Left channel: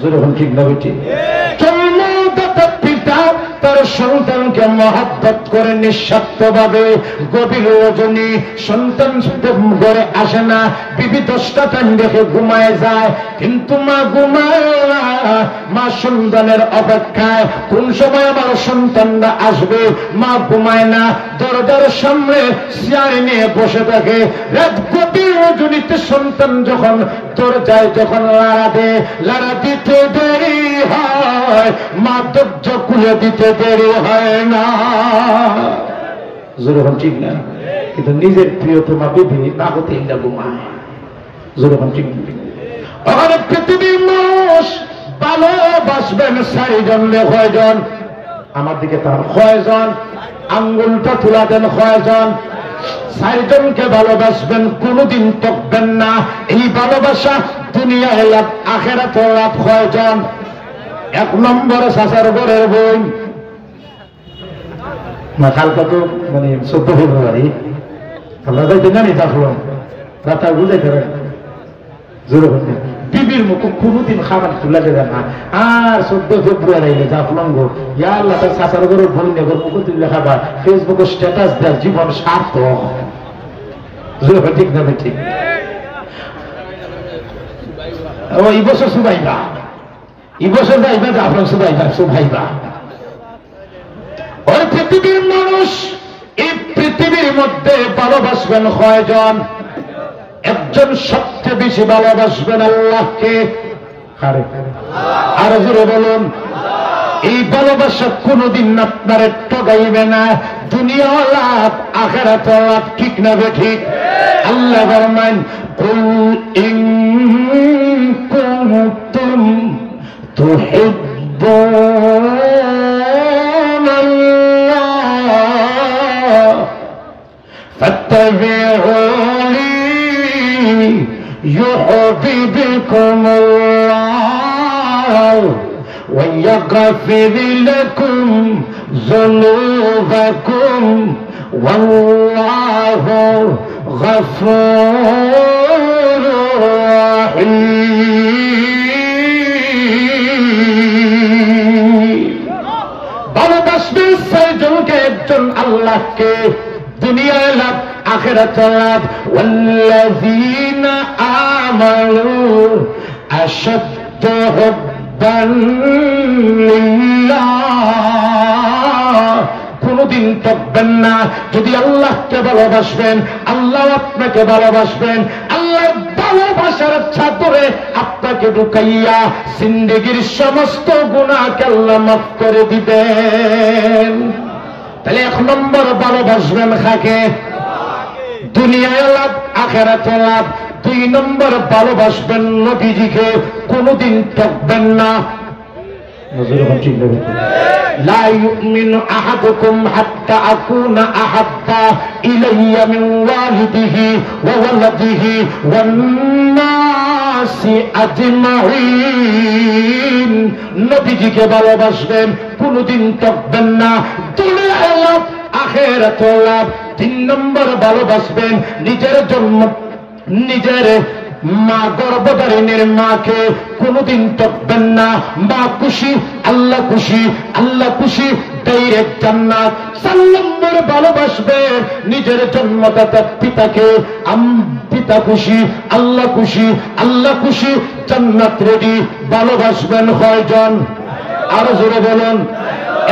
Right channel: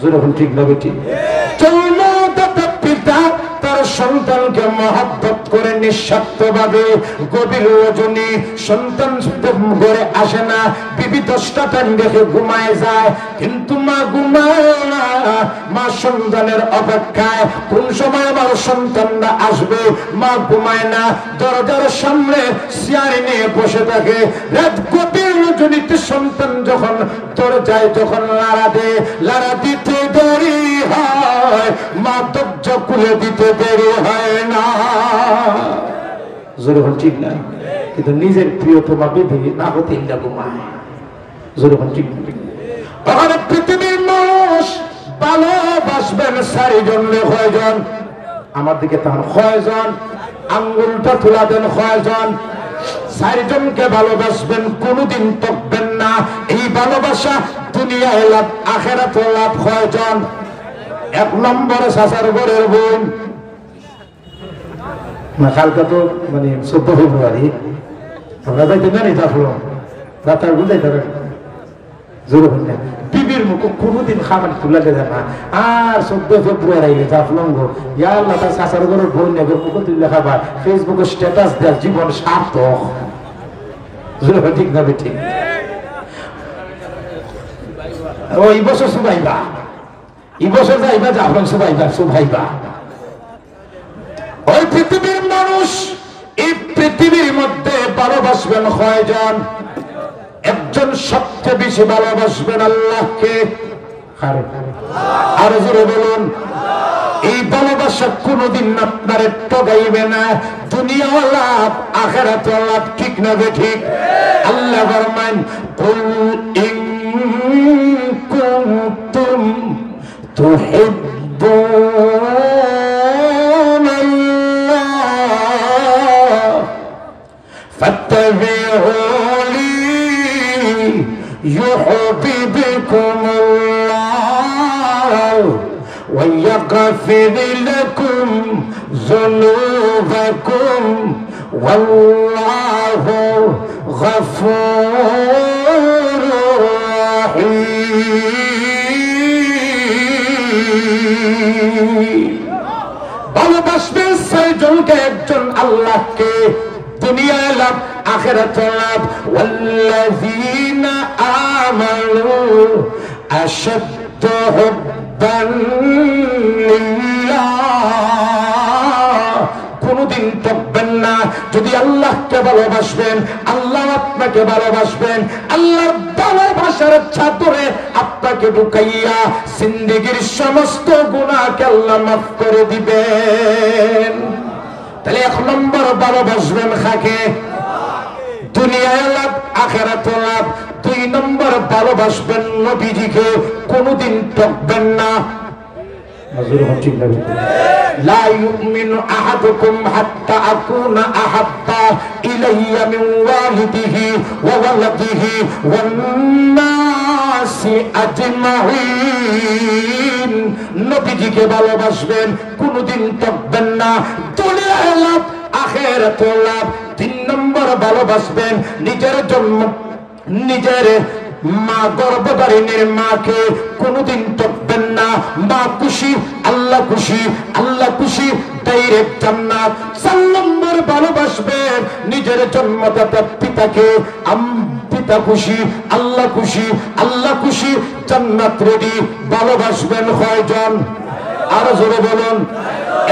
যেরকম ঠিক না বেটি জন্মদাতা পিতা তার সন্তানকে মহব্বত করে নিঃস্বার্থভাবে গভীর রজনী সন্তান ঘরে আসে না, বিবি 10টা টাইম দেখে ঘুমায় যায়, কিন্তু মা ঘুমায় না, মা সন্তানের অপেক্ষায় কোন সময় আমার সন্তানরা আসবে, মা ঘুমায় না, দরজার সামনে চেয়ারে নিয়ে বসে থাকে। রাত গভীর রজনীতে সন্তান যখন দরজায় যখন লাড়া দিতে দেরি হয়, মা দরজা খুলে দিতে দেরি হয় না। জোরে হন ঠিক না? কিন্তু নিজের প্রিয়তমা বিধি না হতে ঘুমায়। জোরে হন ঠিক না? পৃথিবীর মানুষ ভালোবাসবেন 4 জন, 6 জন, আমার দিকে তার 6 জন, আঙ্গুলটা তুলা দেন 6 জন, 4 জনকে ভালোবাসবেন, কোনদিন তকবেন না। এই ভালোবাসা দুনিয়ায় লাভ, আখেরাতে লাভ 6 জন। 1 নম্বরে চাচার ঘরের বোন, না কালকে তো মানে 14 ফেব্রুয়ারি আমরা যাইতে না জাফলং রাতার বুঝাইতে পারেন, জোরে বলতে বিবির মুখে কোনদিন খাবার তুলা যায় না। আর 14 ফেব্রুয়ারি জাফলং ইয়া আল্লাহ তার চাচার ঘরের বোন নেগর মুখে তুললে খাবার, ফেসবুকে স্ট্যাটাস দেয় জীবন সার্থক। জোরে বল ঠিক না? ঠিক। ও এই বছর সুবাইবা, এই বছর যাইবা জাফলং সুবাইবা, সুবাইবা। ওই পৃথিবীর মানুষ এই পৃথিবীর মধ্যে ভালোবাসবেন 6 জন। একজন সবচেয়ে বেশি ভালোবাসবেন আল্লাহকে। আর জোরে বলুন, এই ভালোবাসা কোনদিন আপনার ঠকাইবে না, দুনিয়া লাভ আখিরাত লাভ, ঠিক না ঠিক? আল্লাহ ফরমান কুল ইন কুনতুম তুহিব্বুনাল্লাহ ফাত্তাবিউনি يحببكم ويغفر لكم ذنوبكم والله غفور رحيم। ভালোবাসবেন 6 জনকে, একজন আল্লাহকে, দুনিয়া লাভ আখিরাত লাভ। ওয়াল্লাযীনা আমানু আশাদ্দু হুব্বান লিল্লাহ। কোনদিন তকবেন না, যদি আল্লাহকে ভালোবাসবেন আল্লাহ আপনাকে ভালোবাসবেন, আল্লাহর ভালোবাসার চাদরে আপনাকে ঢুকাইয়া জিন্দেগীর সমস্ত গুনাহকে আল্লাহ মাফ করে দিবেন। তাহলে 1 নম্বর ভালোবাসবেন কাকে? দুনিয়ায় লাভ আখিরাতে লাভ। 2 নম্বর ভালোবাসবেন নবীজিকে, কোনদিন ঠকবেন না। লা ইউমিনু আহাদুকুম হাত্তা আকুনা আহাব্বা ইলাইয়া মিন ওয়ালিদিহি ওয়া ওয়ালাদিহি ওয়ান নাসি আজমাইন। নবীজিকে ভালোবাসবেন, কোনদিন ঠকবেন না, দুনিয়ায় লাভ আখিরাতে লাভ। 3 নম্বর ভালোবাসবেন নিজের জন্য, নিজের মা গর্ভধারিণীর মাকে, কোনদিন ঠকবেন না। মা খুশি আল্লাহ খুশি, আল্লাহ খুশি ডাইরেক্ট জান্নাত। 4 নম্বর ভালোবাসবেন নিজের জন্মদাতা পিতাকে, পিতা খুশি আল্লাহ খুশি, আল্লাহ খুশি জান্নাত রেডি। ভালোবাসবেন 6 জন? আর জোরে বলুন।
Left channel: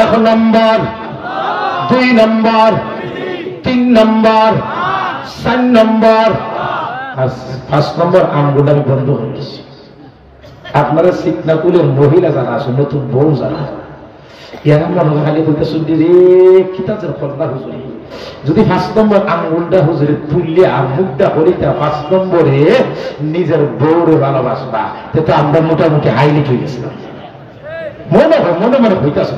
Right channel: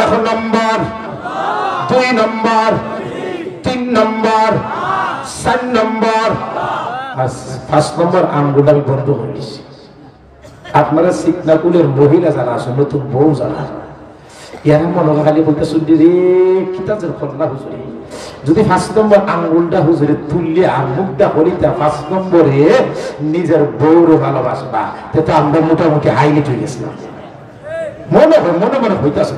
1 নম্বর, 2 নম্বর, 3 নম্বর, 4 নম্বর, 5 নম্বর আমগুলো আমি বন্ধ হয়ে গেছি। আপনারা সিকনাকুলের মহিলা যারা আছে, নতুন বউ যারা, এরা মনে খালি বলতে শুনলি রে কিতাবের খোলা হুজুরি, যদি 5 নম্বর আঙ্গুলটা হুজুরে তুললে আর মুখটা করিতা 5 নম্বরে নিজের বউরে ভালোবাসবা, তো আমরা মোটামুটি হাইলাইট হয়ে গেছিলাম। মনে মনে মনে হইতেছে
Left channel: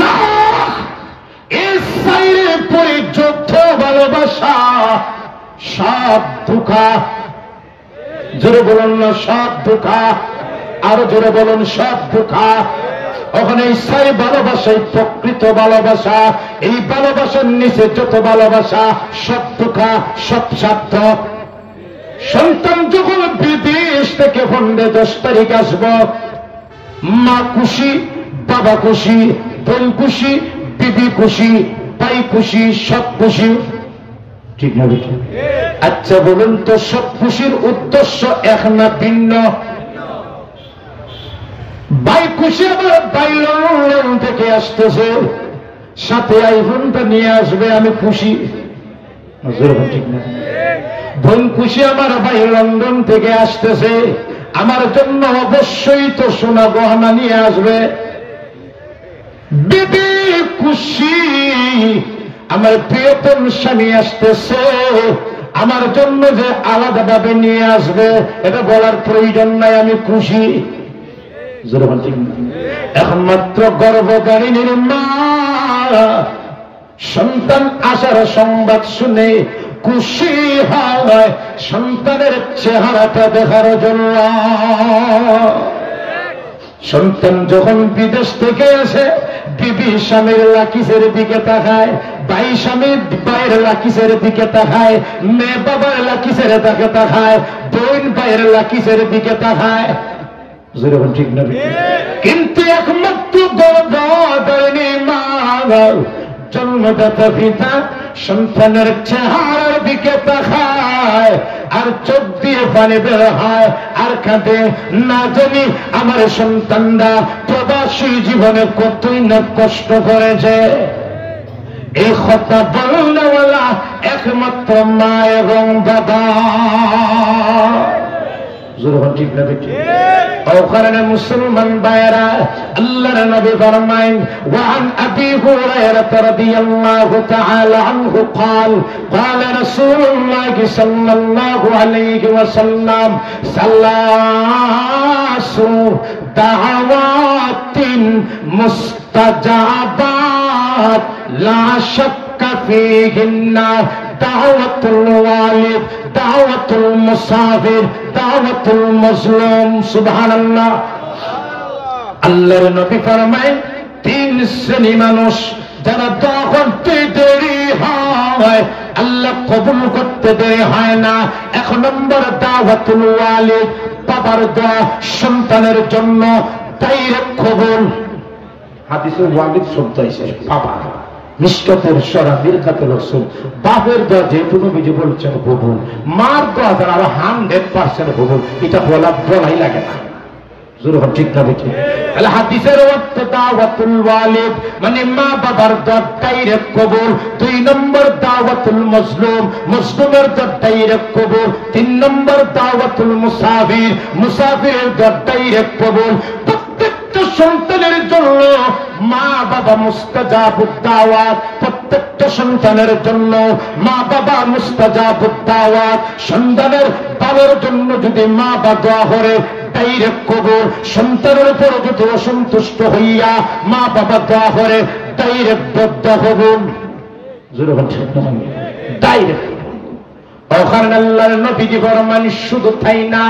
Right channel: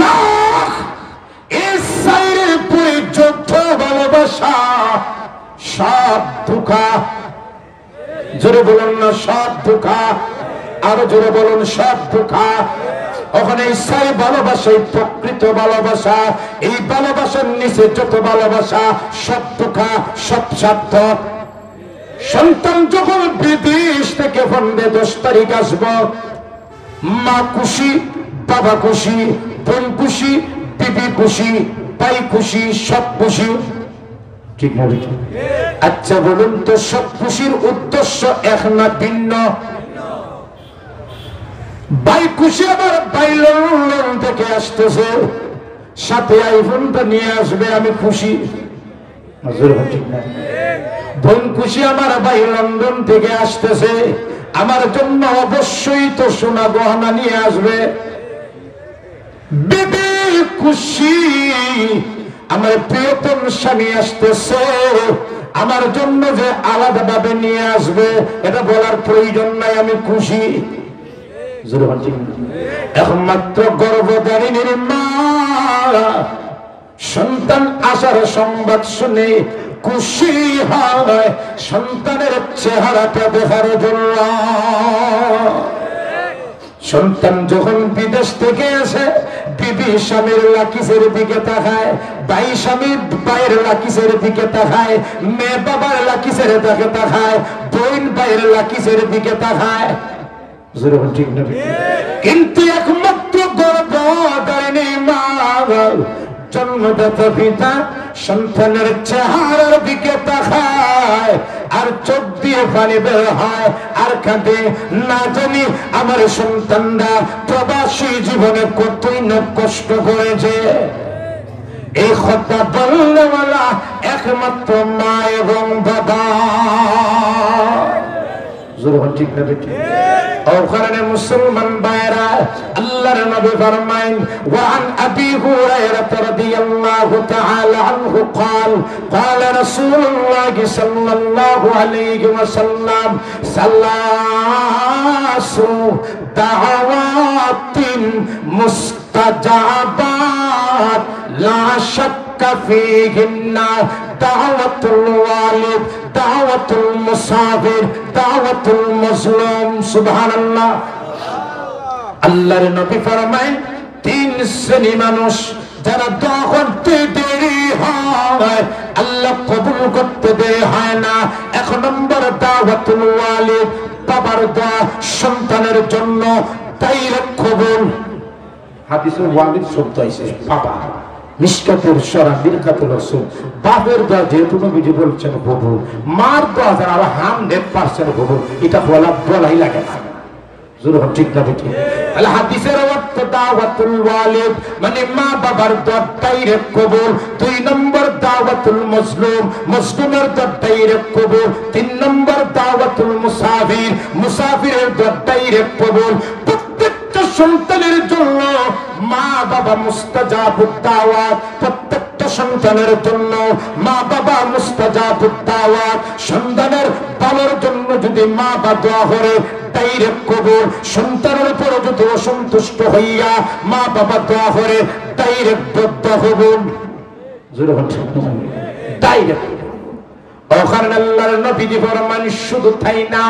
না, এই সাইরে পরিযুক্ত ভালোবাসা সব ধোঁকা। জোরে বলুন না সব ধোঁকা, আরো জোরে বলুন সব ধোঁকা। ওখানে ইচ্ছাই ভালোবাসা, প্রকৃত ভালোবাসা, এই ভালোবাসার নিচে যত ভালোবাসা সব ধোঁকা, সব স্বার্থ, সন্তান যখন বিদেশ থেকে ফোনে 10 তারিখ আসব, মা খুশি, বাবা খুশি, বোন খুশি, বিবি খুশি, ভাই খুশি, সব খুশি, ঠিক না? আচ্ছা বলুন তো, সব খুশির উদ্দেশ্য এক না ভিন্ন? ভাই খুশি, আবার ভাই লন্ডন থেকে আসতেছে, সাথে আইফোনটা নিয়ে আসবে, আমি খুশি, ঠিক না? বোন খুশি, আমার ভাই লন্ডন থেকে আসতেছে, আমার জন্য অবশ্যই তো সোনা গহনা নিয়ে আসবে। বিবি খুশি, আমার প্রিয়তম স্বামী আসতেছে, আমার জন্য যে আলাদা ভাবে নিয়ে আসবে এটা বলার প্রয়োজন নাই, আমি খুশি। এখন মাত্র গর্ভধারিণীর মা সন্তান আসার সংবাদ শুনে খুশি হয় সন্তানের চেহারাটা দেখার জন্য। সন্তান যখন বিদেশ থেকে আসে, বিবি স্বামীর লাকিসের দিকে তাকায়, ভাই স্বামীর ভাইয়ের লাকিসের দিকে তাকায়, মেয়ে বাবার লাকিসের দিকে তাকায়, বোন ভাইয়ের লাকিসের দিকে তাকায়, ঠিক না? কিন্তু একমাত্র গর্ভধারিণী মা, জন্মদাতা পিতা সন্তানের চেহারার দিকে তাকায়, আর চোখ দিয়ে পানি বের হয়, আর কাঁদে, না জানি আমার সন্তানরা প্রবাসী জীবনে কতই না কষ্ট করেছে। এই কথা বললে বলা একমাত্র মা এবং বাবা, ঠিক না? ওখানে মুসলমান ভাইরা, আল্লাহর নবী ফরমায়েন, ওয়ান আবি হুরায়রা রাদিয়াল্লাহু তাআলা আনহু قال قال رسول الله صلى الله عليه وسلم ثلاث دعوات مستجابات لا شك فيهن দাওয়াতুল ওয়ালিদ, দাওয়াতুল মুসাফির, দাওয়াতুল মাজলুম। সুবহানাল্লাহ। আল্লাহর নবী ফরমায়, 3 শ্রেণী মানুষ যারা দোয়া করতে দেরি হয় আল্লাহ কবুল করতে দেরি হয় না। 1 নম্বর দাওয়াতুল ওয়ালিদ, বাবার দোয়া সন্তানের জন্য ডাইরেক্ট কবুল। হাদিসে ওয়ালিদ শব্দ আছে বাবা, মিশকাতের সরা বিরকাতুল রাসূল, বাপের দোয়া যেহেতু নবীজি বলছেন কবুল, মার দোয়া যারা 100% কবুল, এটা বলাই লাগে না। জোর ঠিক না বেটি? আল হাদিসের অর্থ দাওয়াতুল ওয়ালিদ মানে মা বাবার দোয়া ডাইরেক্ট কবুল। 2 নম্বর দাওয়াতুল মাজলুম, মাজলুমের দোয়া ডাইরেক্ট কবুল। 3 নম্বর দাওয়াতুল মুসাফির, মুসাফিরের দোয়া ডাইরেক্ট কবুল। প্রত্যেকটা সন্তানের জন্য মা বাবা মুস্তাজাবুদ দাওয়াত, প্রত্যেকটা সন্তানের জন্য মা বাবা মুস্তাজাবুদ দাওয়াত। সন্তানের বাবার জন্য যদি মা বাবা দোয়া করে ডাইরেক্ট কবুল। সন্তানের উপর যদি অসন্তুষ্ট হইয়া মা বাবা দোয়া করে ডাইরেক্ট বদদোয়া কবুল। ডাইরেক্ট। ওখানে আল্লাহর নবীজি ফরমান, শুধু তাই না,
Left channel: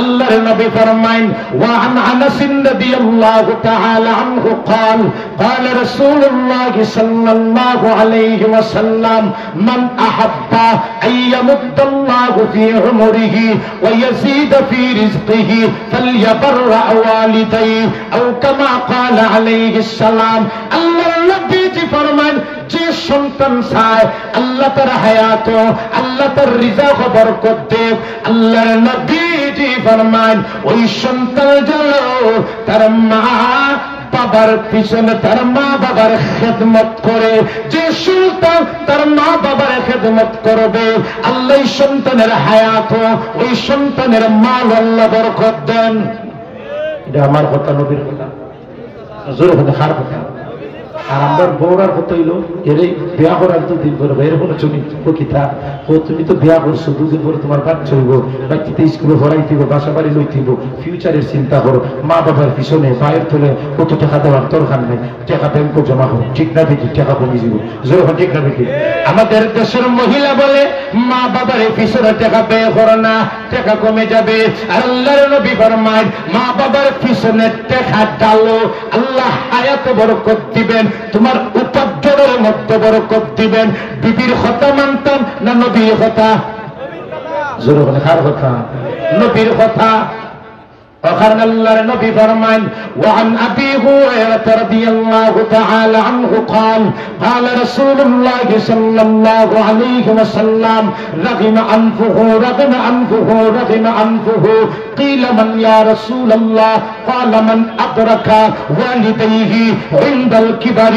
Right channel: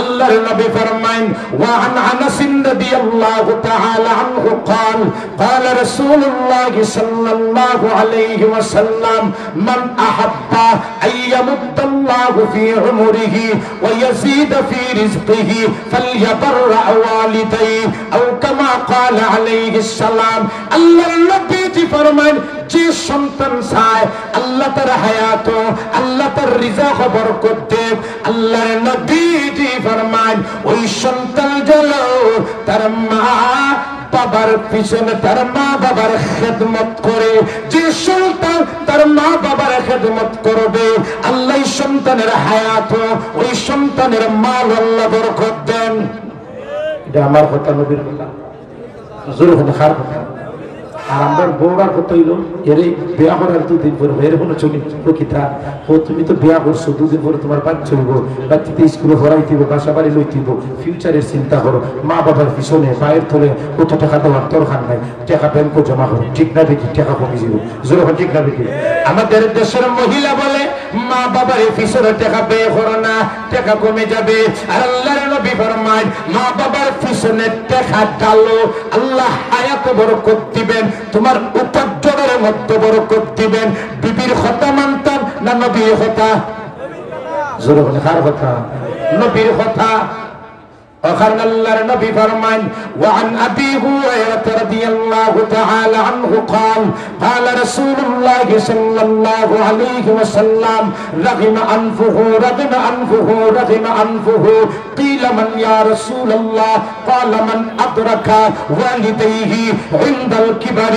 আল্লাহর নবী ফরমান, ওয়া আন আনাস রাদিয়াল্লাহু তাআলা আনহু قال قال رسول الله صلى الله عليه وسلم من احب ان يمد الله في عمره ويزيد في رزقه فليبر والديه او كما قال عليه السلام। আল্লাহর নবীজি ফরমান, যে সন্তান চায় আল্লাহ তার হায়াত, আল্লাহ তার রিজক বরকত দেব, আল্লাহর নবীজি ফরমান ওই সন্তান যেন তার মা বাবার পিছনে, তার মা বাবার খেদমত করে। যে সন্তান তার মা বাবার খেদমত করবে আল্লাহ সন্তানের হায়াত, ওই সন্তানের মাল আল্লাহ বরকত দেন। এটা আমার কথা, নবীর কথা, জোর কথা, হার কথা। আর আমরা বউরার কথা হইল, এর বিয়া করার 2 দিন পরে এরকম চলি প্রকৃতা, ও তুমি তো বিয়া করছো, 2 দিন পরে তোমার বাচ্চা হইব, বাচ্চাতে স্কুলে ভরাইতে হইব, বাসা বাড়ি লইতে হইব, ফিউচারের চিন্তা করো। মা বাবার পিছনে পায়ের তলে কত টাকা দেওয়ার দরকার নেই, টাকা ব্যাংকে জমা করো, ঠিক না দেখি টাকা কমে যাবে, যেরকম ঠিক না দেখি। আমাদের দেশের মহিলা বলে মা বাবার পিছনে টাকা ব্যয় করো না, টাকা কমে যাবে। আর আল্লাহর নবী ফরমায়, মা বাবার পিছনে টাকা ডালো, আল্লাহ হায়াত বরকত দিবেন, তোমার উপার্জনের মধ্যে বরকত দিবেন। বিবির কথা মানতাম না নবীর কথা? জোরে বলেন কার কথা? নবীর কথা। وخرج الله النبي فرمان وعن أبي هريرة رضي الله تعالى عنه قال قال رسول الله صلى الله عليه وسلم رغم أنفه رغم أنفه رغم أنفه قيل من يا رسول الله قال من أدرك والديه عند الكبر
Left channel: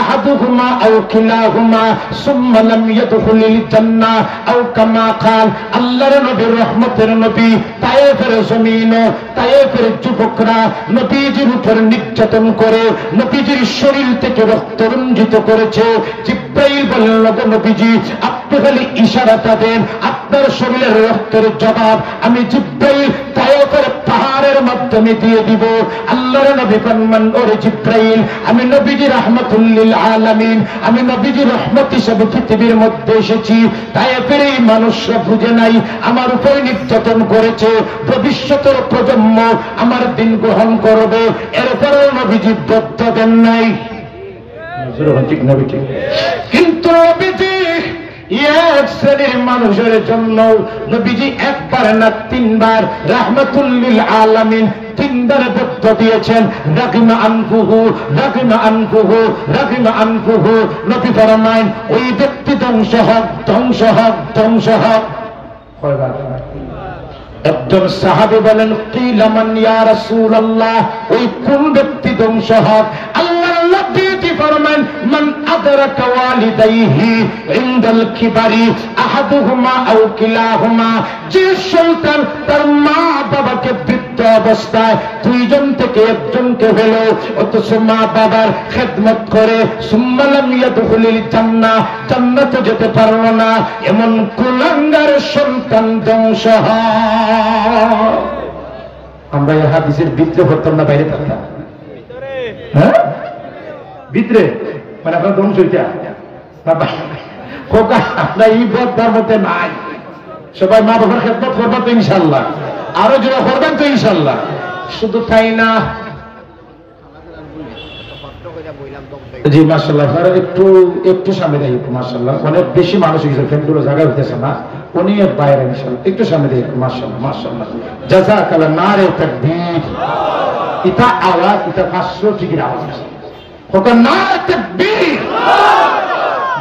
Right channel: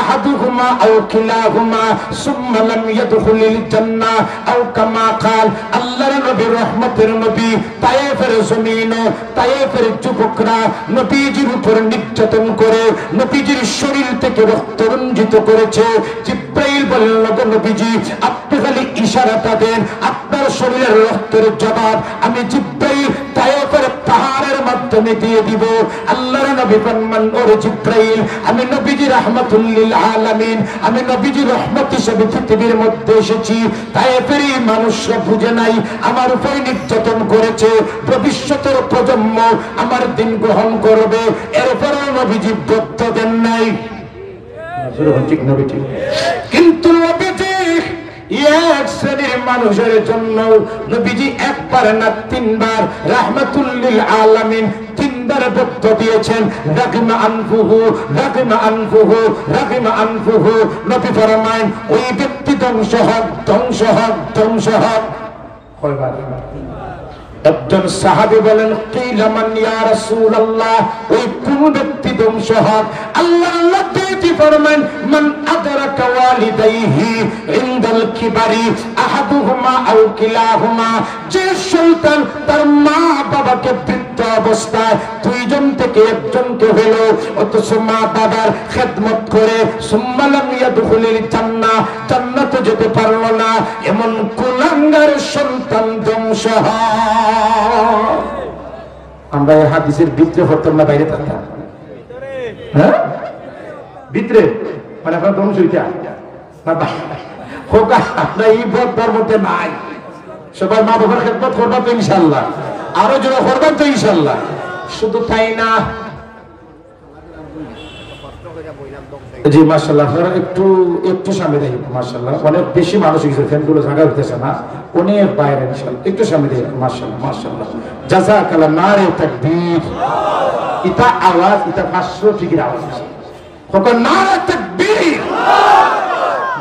أحدهما أو كلاهما ثم لم يدخل الجنة أو كما قال الله النبي رحمة النبي طائف الزمين তায়েফের যুবকরা নবীজির উপর নির্যাতন করে নবীজির শরীর থেকে রক্ত রঞ্জিত করেছে। জিব্রাইল বলল গো নবীজি, আপনি খালি ইশারাটা দেন, আপনার শরীরের রক্তের জবাব আমি জিব্রাইল তায়েফের পাহাড়ের মাধ্যমে দিয়ে দিব। আল্লাহর নবী ফরমান, ওরে জিব্রাইল, আমি নবীজি রাহমাতুল লিল আলামিন, আমি নবীজি রহমত হিসেবে পৃথিবীর মধ্যে এসেছি। তায়েফের এই মানুষরা বুঝে নাই আমার উপর নির্যাতন করেছে, ভবিষ্যতের প্রজন্ম আমার দিন গ্রহণ করবে, এরপরে নবীজি বক্ত দেন নাই। কিন্তু নবীজি এক শ্রেণীর মানুষের জন্য নবীজি একবার না তিনবার রাহমাতুল লিল আলামিন তিনবার বক্ত দিয়েছেন। রাগিমা আনফুহু রাগিমা আনফুহু রাগিমা আনফুহু। নবী ফরমায়েন, ওই ব্যক্তি ধ্বংস হোক ধ্বংস হোক ধ্বংস হোক। একজন সাহাবী বলেন, কিলা মান ইয়া রাসূলুল্লাহ, ওই কোন ব্যক্তি ধ্বংস হোক? আল্লাহর নবী ফরমান, মান আদরাকা ওয়ালিদাইহি ইনদাল কিবারি আহাদুহুমা আও কিলাহুমা। যে সন্তান তার মা বাবাকে বৃদ্ধ অবস্থায় দুইজন থেকে একজনকে হলো অথচ মা বাবার খেদমত করে সুম্মা লাম ইয়াদখুলিল জান্নাহ, জান্নাতে যেতে পারলো না, এমন কুলাঙ্গার সন্তান ধ্বংস হয়। আমরা এই হাদিসের ভিতরে হতাম না বাইরে থাকতাম? হ্যাঁ, ভিতরে মানে আপনার ধ্বংস হইতা আমরা এই বদার মধ্যে নাই। সবাই মা বাবার খেদমত করবা তো ইনশাল্লাহ, আরো জোড়া করবেন তো ইনশাল্লাহ। শুধু তাই না, জি মাশাআল্লাহ, আপনারা একটু একটু সামনে যাই। মাশাআল্লাহ, অনেক বেশি মানুষ হয়েছে, ফ্যানগুলো জায়গা হইতেছে না, অনেক বাইরে। ইনশাআল্লাহ একটু সামনে যাই। মাশাআল্লাহ মাশাআল্লাহ, জাযাকাল্লাহ, নারে তাকবীর। এটা আওয়াজ, এটা 500 ঠিকই আওয়াজ। কখন নারে তাকবীর,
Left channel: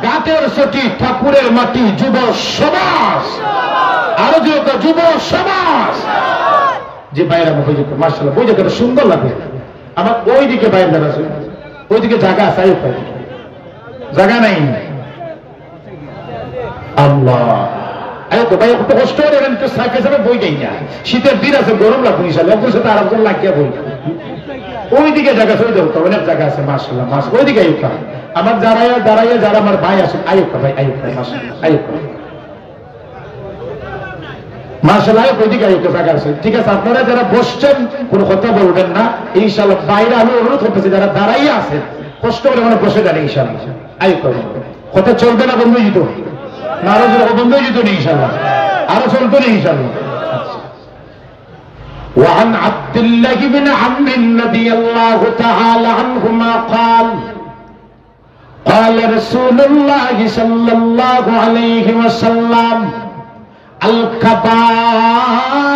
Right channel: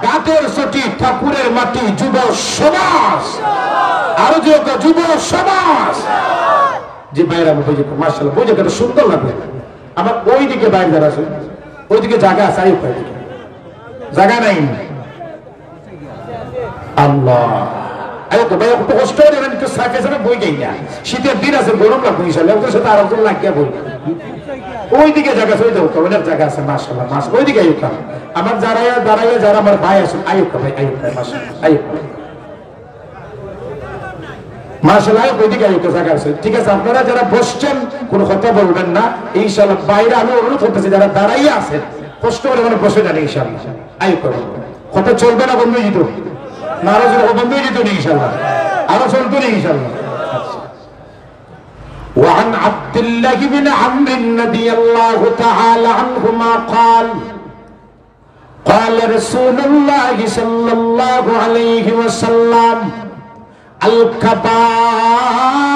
গাতের সটি, ঠাকুরের মাটি, যুব সমাজ, আরো যে যুব সমাজ যে বাইরে আমি বই, মাশাআল্লাহ বই জায়গাটা সুন্দর লাগে আমার। ওই দিকে বাইরে যারা আছে, ওইদিকে জায়গা আছে, জায়গা নাই। আল্লাহ, ভাই একটু কষ্ট করে একটু সাইকেল সাথে বই যাই না, শীতের দিন আছে, গরম লাগবে ইনশাল্লাহ, একজন সাথে আরেকজন লাগিয়ে বই। ওইদিকে জায়গা আছে, ওই দেখো অনেক জায়গা আছে। মাশাআল্লাহ মাশাআল্লাহ, ওইদিকে আয়ুকা আমার দাঁড়াইয়া দাঁড়াইয়া যারা আমার ভাই আছে, আয়ুকা ভাই, আয়ুকা মাশাআল্লাহ, আয়ুকা মাশাআল্লাহ, ওইদিকে আয়ুকা জায়গা আছে। ঠিক আছে, আপনারা যারা বসছেন কোনো কথা বলবেন না ইনশাআল্লাহ। বাইরে আমি অনুরোধ করতেছি, যারা দাঁড়াইয়া আছেন কষ্ট করে মানে বসে যান ইনশাআল্লাহ। আয়ুকা কথা চলবে না, বন্ধ হয়ে যেত না, আরো বন্ধ হয়ে যেত ইনশাআল্লাহ, আরো চলতো না ইনশাআল্লাহ। وعن عبد الله بن عمرو رضي الله تعالى عنهما قال قال رسول الله صلى الله عليه وسلم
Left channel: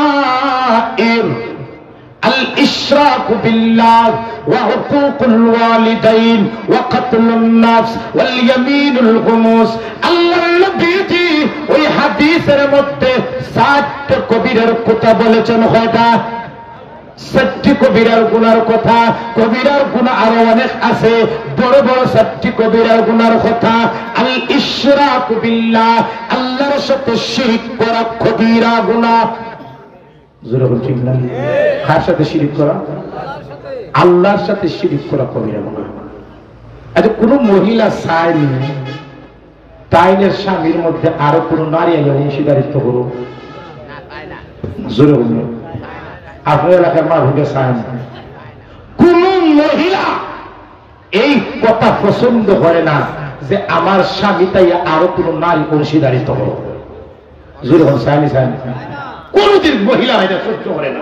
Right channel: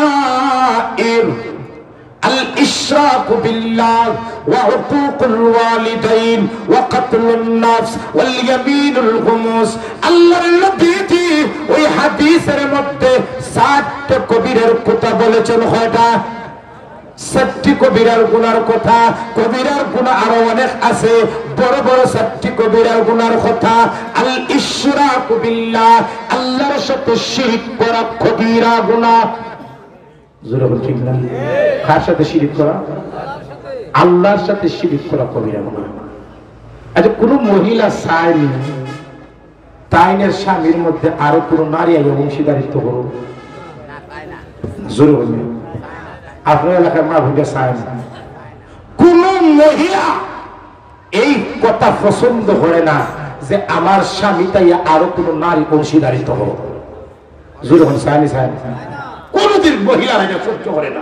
الكبائر الإشراك بالله وعقوق الوالدين وقتل النفس واليمين الغموس। আল্লাহর নবী ওই হাদিসের মধ্যে 7টি কবিরার কথা বলেছেন। হয়তো 7টি কবিরার গুনার কথা, কবিরার গুনাহ আরো অনেক আছে, বড় বড় 7টি কবিরার গুনার কথা। আল ইশরাকু বিল্লাহ, আল্লাহর সাথে শিরক করা কবিরা গুনাহ। জোরে বলছেন না? কার সাথে শিরক করা? আল্লাহর সাথে শিরক করা কবিরা গুনাহ। আচ্ছা, কোন মহিলা চাইলে তাইনের স্বামীর মধ্যে আরো কোন নারী অংশীদারিত্ব করো? জোরে বলবেন। আপনার এলাকার মা ভুগে চায় না, কোন মহিলা এই কথা পছন্দ করে না যে আমার স্বামী তাই আরো কোন নারী অংশীদারিত্ব করো। জোরে বলুন, চায় না? চায় না, কোনদিন মহিলা এটা সহ্য করে না।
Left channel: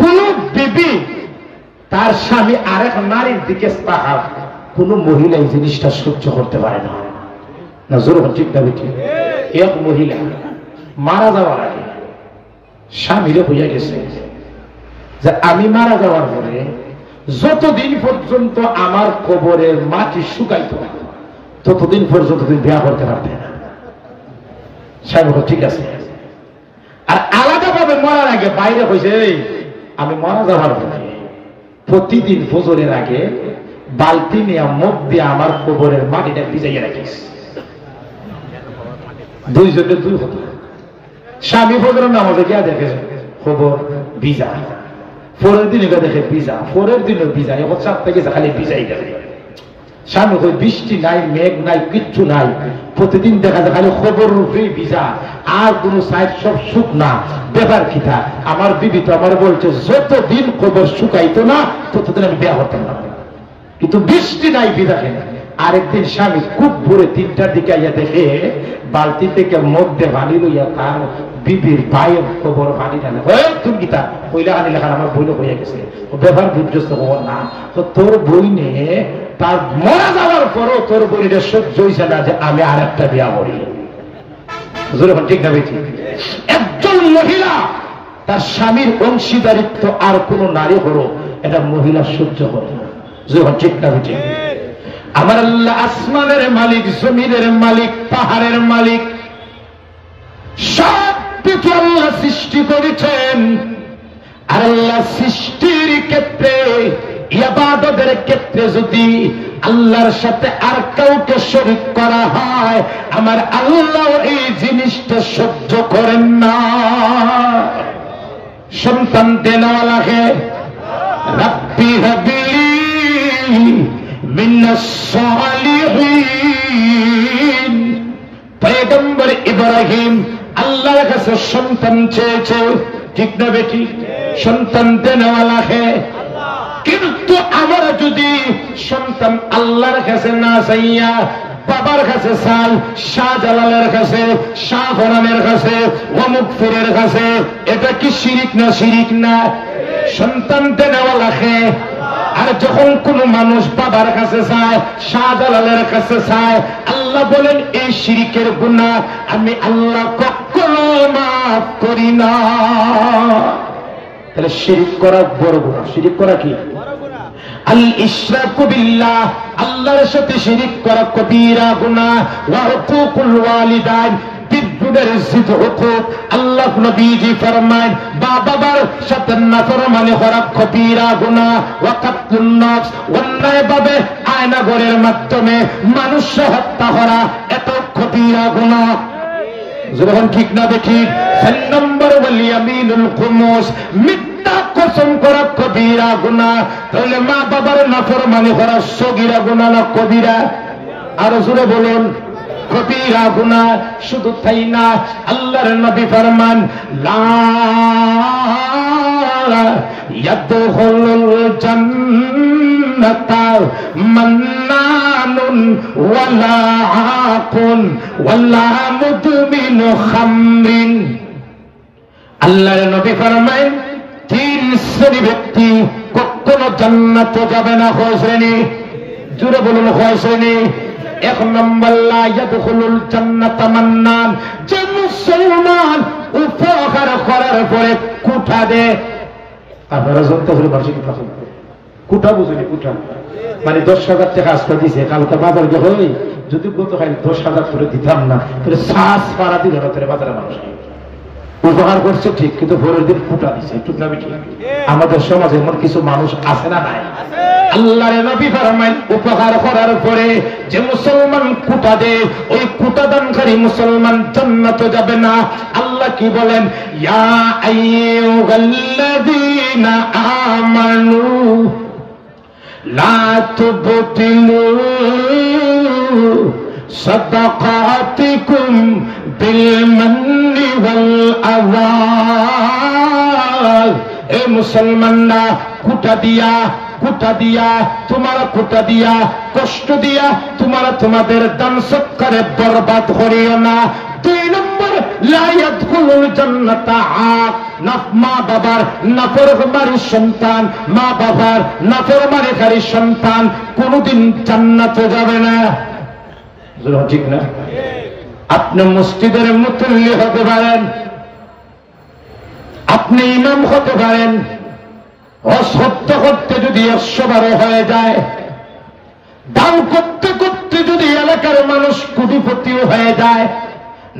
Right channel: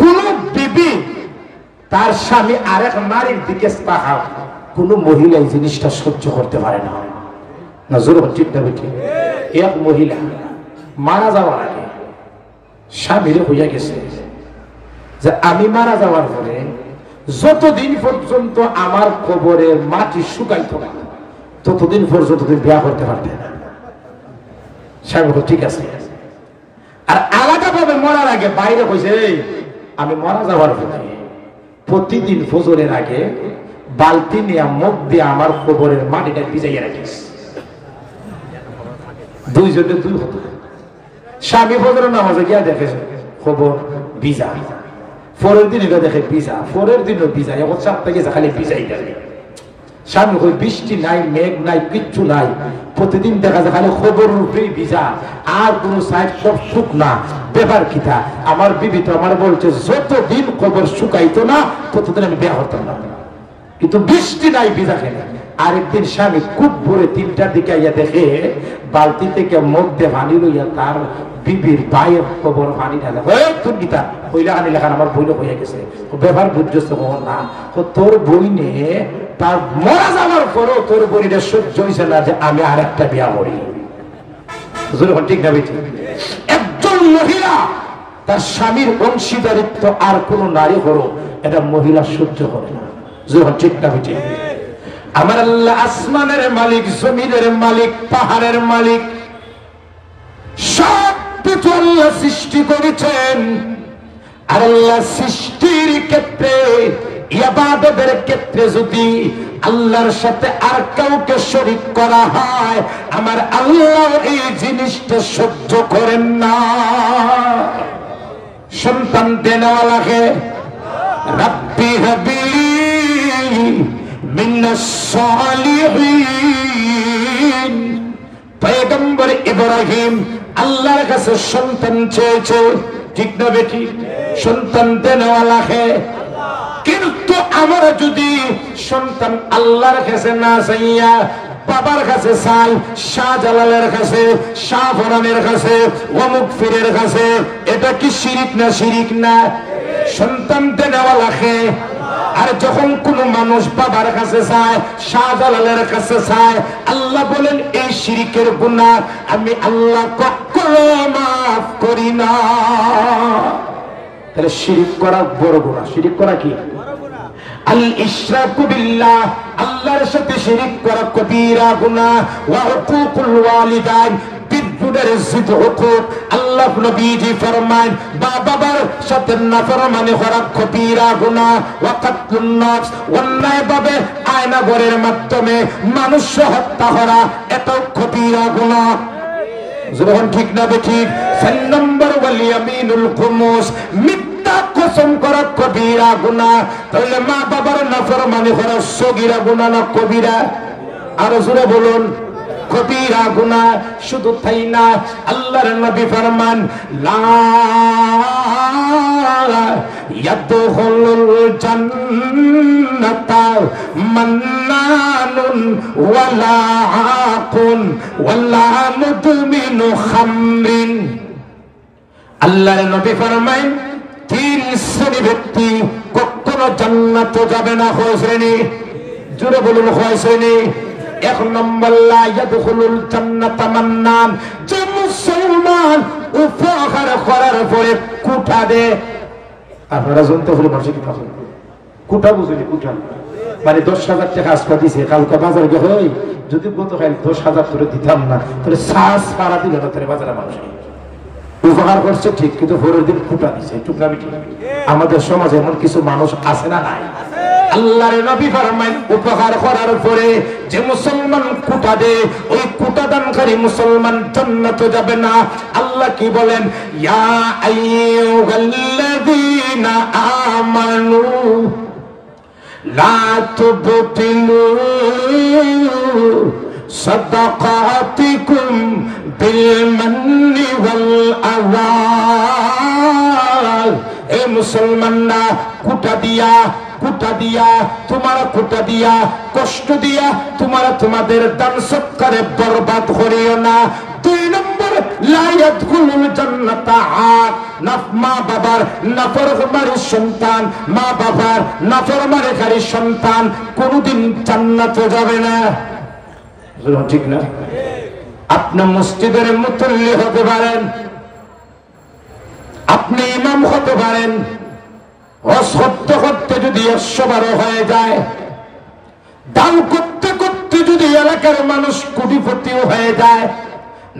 কোন বিবি তার স্বামী আরেক নারীর দিকে তাকায়, কোন মহিলা এই জিনিসটা সহ্য করতে পারে না। না জোরে বলুন, ঠিক না? ঠিক। এক মহিলা মারা যাওয়ার আগে স্বামীরে বুঝা গেছে যে আমি মারা যাওয়ার পরে যতদিন পর্যন্ত আমার কবরের মাটি শুকাইতো না ততদিন পর্যন্ত তুমি বিয়া করতে পারবে না। স্বামী ঠিক আছে। আর আলাদা ভাবে মরার আগে বাইরে কইছে আমি মারা যাওয়ার পরে প্রতিদিন ফজরের আগে বালতি নিয়ে মুখ দিয়ে আমার কবরের মাটিটা ভিজাইয়া রাখিস। দুইজনে দুই কথা। স্বামী ফজরের নামাজে গিয়া দেখে খবর ভিজা, পরের দিন এটা দেখে ভিজা, পরের দিনও ভিজা, এখন চাপতে গেছে খালি ভিজাই দেখে। স্বামী কই বৃষ্টি নাই, মেঘ নাই, কিচ্ছু নাই, প্রতিদিন দেখা যায় খালি খবর রূপেই ভিজা, আর কোন সাইড সব শুকনা। ব্যাপার কিতা? আমার বিবি তো আমার বলছে যতদিন খবর শুকাইতো না ততদিন আমি বিয়া করতাম না, কিন্তু বৃষ্টি নাই, ভিজা খেলে। আরেকদিন স্বামী খুব ভোরে 3টার দিকে আইয়া দেখে বালতি থেকে মধ্যে পানি লইয়া তার বিবির ভাইয়ের খবর পানি ঢালে। তুমি গীতা পয়লা পানি লেখান আমার বইলে হয়ে গেছে, ব্যবহার বুঝছো না? তো তোর বই নিয়ে তার মরা যাওয়ার পরও তোর বইটা সহ্য হয়েছে না যে আমি আর একটা বিয়া করি। ঠিক না বেটি? একজন মহিলা তার স্বামীর অংশীদারিত্ব আর কোন নারী হলো এটা মহিলা সহ্য করে না। ঠিক না বেটি? আমার আল্লাহ আসমানের মালিক, জমিনের মালিক, পাহাড়ের মালিক, সব কিছু আল্লাহ সৃষ্টি করেছেন। আর আল্লাহ সৃষ্টির ক্ষেত্রে, ইবাদতের ক্ষেত্রে যদি আল্লাহর সাথে আর কাউকে শরীক করা হয়, আমার আল্লাহ এই জিনিসটা সহ্য করেন না। সন্তান দেওয়া লাগে, রাব্বি হাবলি মিনাস সালিহিন। পয়গম্বর ইব্রাহিম আল্লাহর কাছে সন্তান চেয়েছে, ঠিক না বেটি? সন্তান দেওয়া লাগে, কিন্তু আমরা যদি সন্তান আল্লাহর কাছে না চাইয়া বাবার কাছে চাল, শাহজালালের কাছে, শাহফরানের কাছে, অমুক ফিরের কাছে, এটা কি শিরিক না? শিরিক না? সন্তান দেওয়া লাগে। আর যখন কোন মানুষ বাবার কাছে চায়, শাহজালালের কাছে চায়, আল্লাহ বলেন এই শিরিকের গুনাহ আমি আল্লাহ কখনো মাফ করি না। তাহলে শিরিক করা বড় গুনাহ। শিরিক করা কি? আল ইশরাকু বিল্লাহ, আল্লাহর সাথে শিরিক করা কবিরা গুনাহ। ওয়া হুকুকুল ওয়ালিদাইন, বিদ্যুদের জিদ হুকুক। আল্লাহ নবীজি ফরমান বাবার সাথে নাফরমানি করা কবিরা গুনাহ। ওয়া কাতলুন নফস, অন্যায়ভাবে আয়নাগরের মাধ্যমে মানুষ হত্যা করা এত কবিরা গুনাহ। যখন ঠিক না বেঠিক? 4 নম্বর ওয়াল ইয়ামিনুল খুমুস, মিথ্যা কসম করা কবিরা গুনাহ। তাহলে মা বাবার নাফরমানি করা সগীরা গুনাহ না কবিরা? আর জোরে বলুন, কবিরা গুনাহ। শুধু তাই না, আল্লাহর নবী ফরমান লা ইয়াদখুলুল জান্নাতা মান্নানুন ওয়ালা আকুন ওয়ালা মুদমিনু খামরিন। আল্লাহর নবী ফরমায় 3 শ্রেণী ব্যক্তি কখনো জান্নাতে যাবে না। কয় শ্রেণী? জোরে বলুন, কয় শ্রেণী? 1 নম্বর, লা ইয়াদখুলুল জান্নাতা মান্নান, যে মুসলমান উপহার করার পরে কুঠা দে। আপনারা জানতে হলে ভাষা কি থাকে? কুঠা বুঝলি? কুঠা মানে 10,000 টাকা আসপা দিছে, কালকে বাজার গিয়ে যদি গত খাই 10,000 করে দিতাম না, তাহলে শ্বাস সারা দিল না। তাহলে বাজারে মানুষ উপহার করছে ঠিক, কিন্তু ভোরের দিন কুটা দিছে। টুকরা বিটি আমাদের সমাজে এমন কিছু মানুষ আছে না? নাই? আল্লাহর নবী ফরমায় উপহার করার পরে যে মুসলমান কুটা দে, ওই কুটা দানকারী মুসলমান জান্নাতে যাবে না। আল্লাহ কি বলেন? ইয়া আইয়ুহাল্লাযীনা আমানু লা তুবতিলু সাদাকাতিকুম বিল মান্নি ওয়াল আযা। এ মুসলমানরা, কুটা দিয়া তোমারা কুটা দিয়া, কষ্ট দিয়া তোমরা তোমাদের দান সৎকারে বরবাদ করিও না। 2 নম্বর, লা ইয়াদখুলুল জান্নাতা আক, মা বাবার নাফরমানি সন্তান, মা বাবার নাফরমানিকারী সন্তান কোনদিন জান্নাতে যাবে না। ঠিক না? আপনি মসজিদের মুতল্লি হতে পারেন, আপনি ইমাম হতে পারেন, অসত্য করতে যদি 100 হয়ে যায়, দান করতে করতে যদি এলাকার মানুষ কোটিপতিও হয়ে যায়,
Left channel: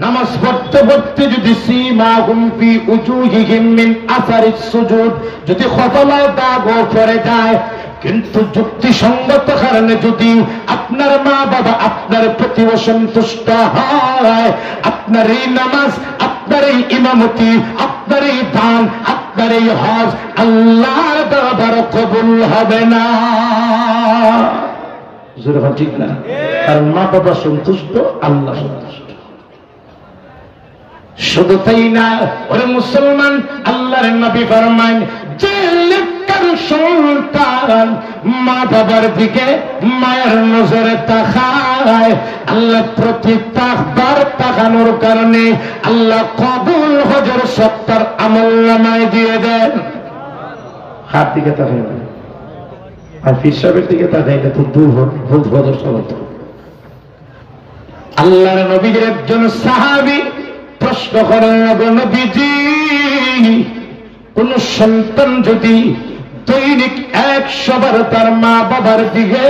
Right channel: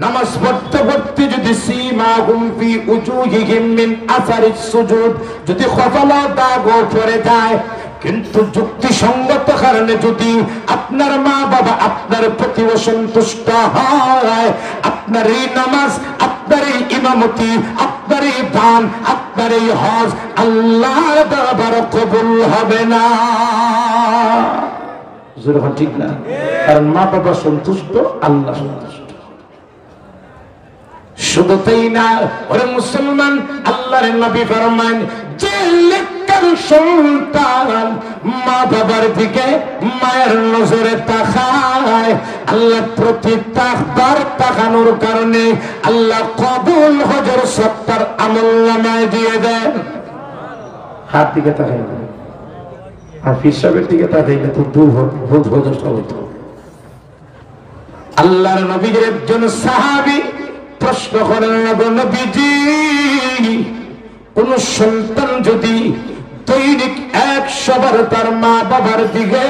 নামাজ পড়তে পড়তে যদি সীমাহুম ফি উজুহিহিম মিন আসারিস সুজুদ যদি কপালে দাগও পড়ে যায়, কিন্তু যুক্তিসঙ্গত কারণে যদি আপনার মা বাবা আপনার প্রতি অসন্তুষ্ট হয়, আপনার এই নামাজ, আপনার এই ইমামতি, আপনার এই দান, আপনার এই হজ আল্লাহর দরবারে কবুল হবে না। ঠিক না? কারণ মা বাবা সন্তুষ্ট, আল্লাহ সন্তুষ্ট। শুধু তাই না, ওরে মুসলমান, আল্লাহর নবী ফরমান, যে নেককার সন্তান মা বাবার দিকে মায়ের নজরে তাকায়, আল্লাহ প্রতি তাকানোর কারণে আল্লাহ কবুল হজের সত্তর আমলনামায় দিয়ে দেন। হাত দিকে তাকাই না, আর হিসাবের দিকে তাকাইলে তো ভুল হজর চলত। আল্লাহর নবীর একজন সাহাবী প্রশ্ন করেন, নবীজি, কোন সন্তান যদি দৈনিক 100 বার তার মা বাবার দিকে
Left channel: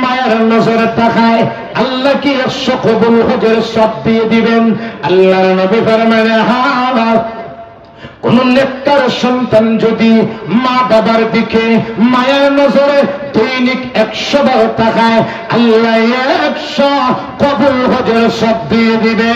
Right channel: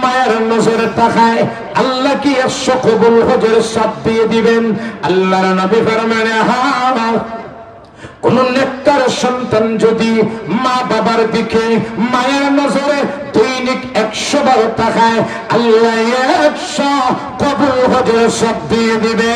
মায়ের নজরে তাকায়, আল্লাহ কি 100 কবুল হজের সব দিয়ে দিবেন? আল্লাহর নবী ফরমানে, হ্যাঁ। কোন নেককার সন্তান যদি মা বাবার দিকে মায়ের নজরে দৈনিক 100 বার তাকায়, আল্লাহ 100 কবুল হজের সব দিয়ে দিবে।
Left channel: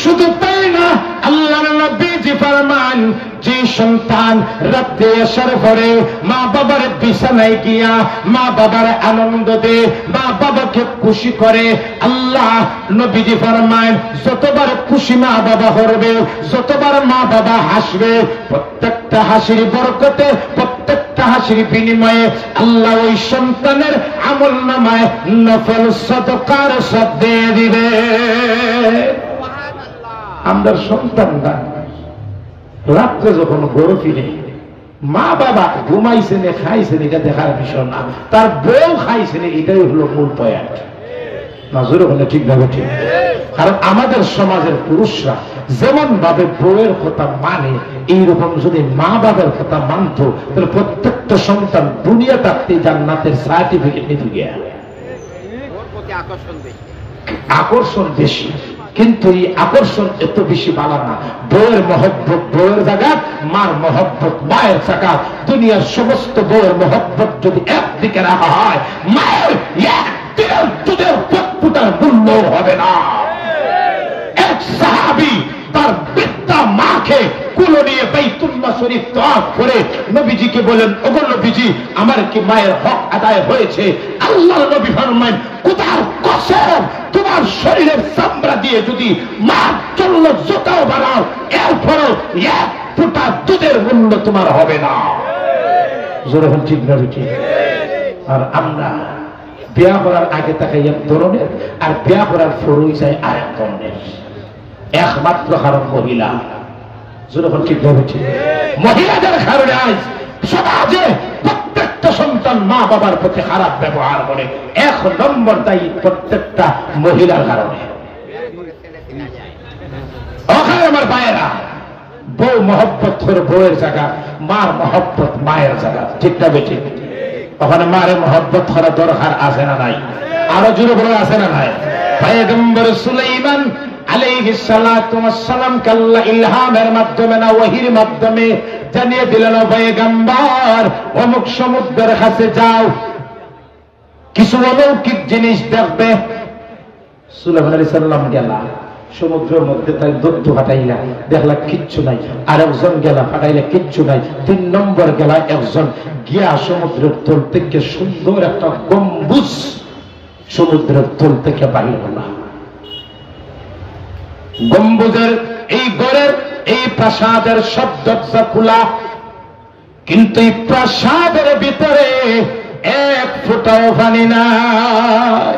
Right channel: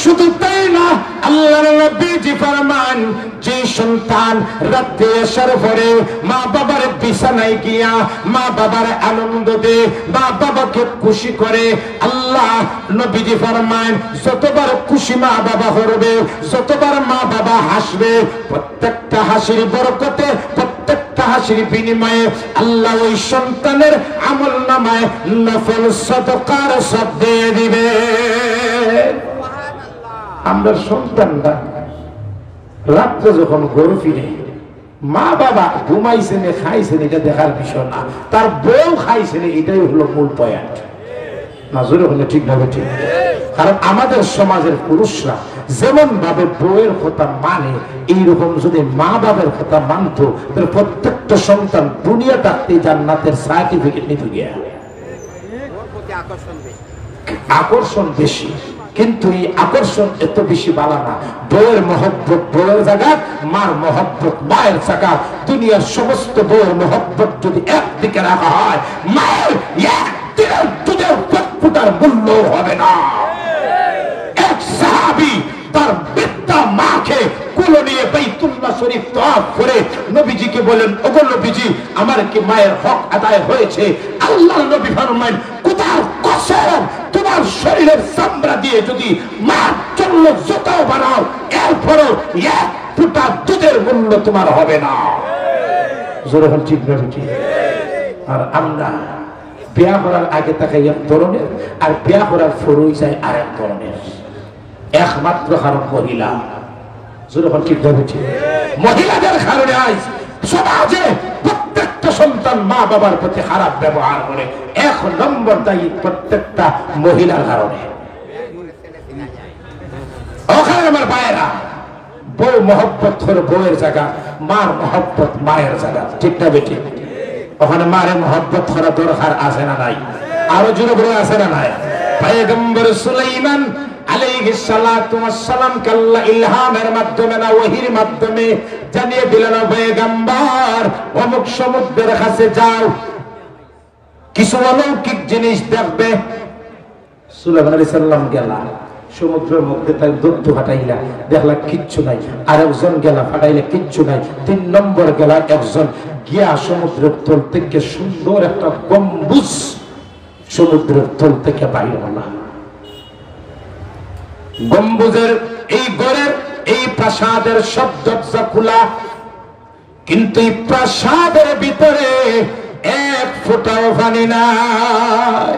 শুধু তাই না, আল্লাহর নবীজি ফরমান, যে সন্তান রাতে আসার পরে মা বাবার বিছানায় গিয়া মা বাবার আনন্দ দে, মা বাবাকে খুশি করে, আল্লাহ নবীজি ফরমান, যতবার খুশি মা বাবা করবে, যতবার মা বাবা হাসবে, প্রত্যেকটা হাসির বরকতে, প্রত্যেকটা হাসির বিনিময়ে আল্লাহ ওই সন্তানের আমলনামায় নফল সাদকার সব দিয়ে দিবে। আমরা সন্তানরা রাত্রে যখন ঘরে ফিরে, মা বাবা ঘুমাইছেন খাইছেন এটা দেখার বিষয় না, তার বউ খাইছেন এটাই হলো মূল পয়েন্ট। নজরে হলে ঠিক ভাবে ঠিক। কারণ আমাদের সমাজের পুরুষরা যেমন ভাবে বউয়ের কথা মানে, এইরকম যদি মা বাবার কথা মানত, তাহলে প্রত্যেকটা সন্তান দুনিয়া থাকতে জান্নাতের সার্টিফিকেট নিতে গিয়া। আকর্ষণ বেশি, কিন্তু এই আকর্ষণ এত বেশি বালা না। বউয়ের মহব্বত বউয়ের জায়গা, মার মহব্বত মায়ের জায়গা। দুনিয়ার সমস্ত বউয়ের মহব্বত যদি একদিকে রাখা হয়, মায়ের একদিনের দুধের ফুটার মূল্য হবে না। এক সাহাবী তার বৃদ্ধা মাকে কোলে নিয়ে বাইতুল্লাহ শরীফ তওয়াফ করে নবীজিকে বলেন, ওগো নবীজি, আমার কি মায়ের হক আদায় হয়েছে? আল্লাহ নবী ফরমান, খোদার কসম, তোমার শরীরের চামড়া দিয়ে যদি মার জন্য জুতাও বানাও, এরপরও এক ফোঁটা দুধের মূল্য তোমার হবে না। জোরে বল ঠিক না ঠিক? আর আমরা বিয়া করার আগে তাকে এক ধরনের, আর বিয়া করার পরই চাই আরেক ধরনের। একমাত্র কারণ মহিলা। জোরে বল ঠিক না ঠিক? মহিলাদের কারণে আজ সমাজে প্রত্যেকটা সন্তান মা বাবার প্রতি খারাপ ব্যবহার করে। 1 নম্বর দায়ী প্রত্যেকটা মহিলার কারণে। ওখানে আমার ভাইয়েরা, বউ মহব্বত করে বউয়ের জায়গা, মার মহব্বত মায়ের জায়গা। ঠিক না বেটি? ওখানে মারে মহব্বত করা দরকার আছে না নাই? আরো জোরে বলে আছে না নাই? পয়গম্বর সুলাইমান আলাইহিস সালাতু ওয়াস সালাম আল্লাহ ইলহামের মাধ্যমে না ওহীর মাধ্যমে জানিয়ে দিলেন, পয়গম্বর অমুক সমুদ্রের কাছে যাও, কিছু অলৌকিক জিনিস দেখবে। সুলাইমান আলাইহিস সালাম গেল সমুদ্রের মধ্যে, তাই দুধ ফাটাইলা, দেখলা কিচ্ছু নাই। আরেকজন গেলা, ফাটাইলা কিচ্ছু নাই। 3 নম্বর গেলা একজন, গিয়া সমুদ্রের তল থেকে সুন্দর একটা গম্বুজ সমুদ্রের তল থেকে বাইর হলো। গম্বুজের এই ঘরের এই প্রাসাদের সব দরজা খোলা, কিন্তু এই প্রাসাদের ভিতরে 1 ফোঁটাও পানি নাই,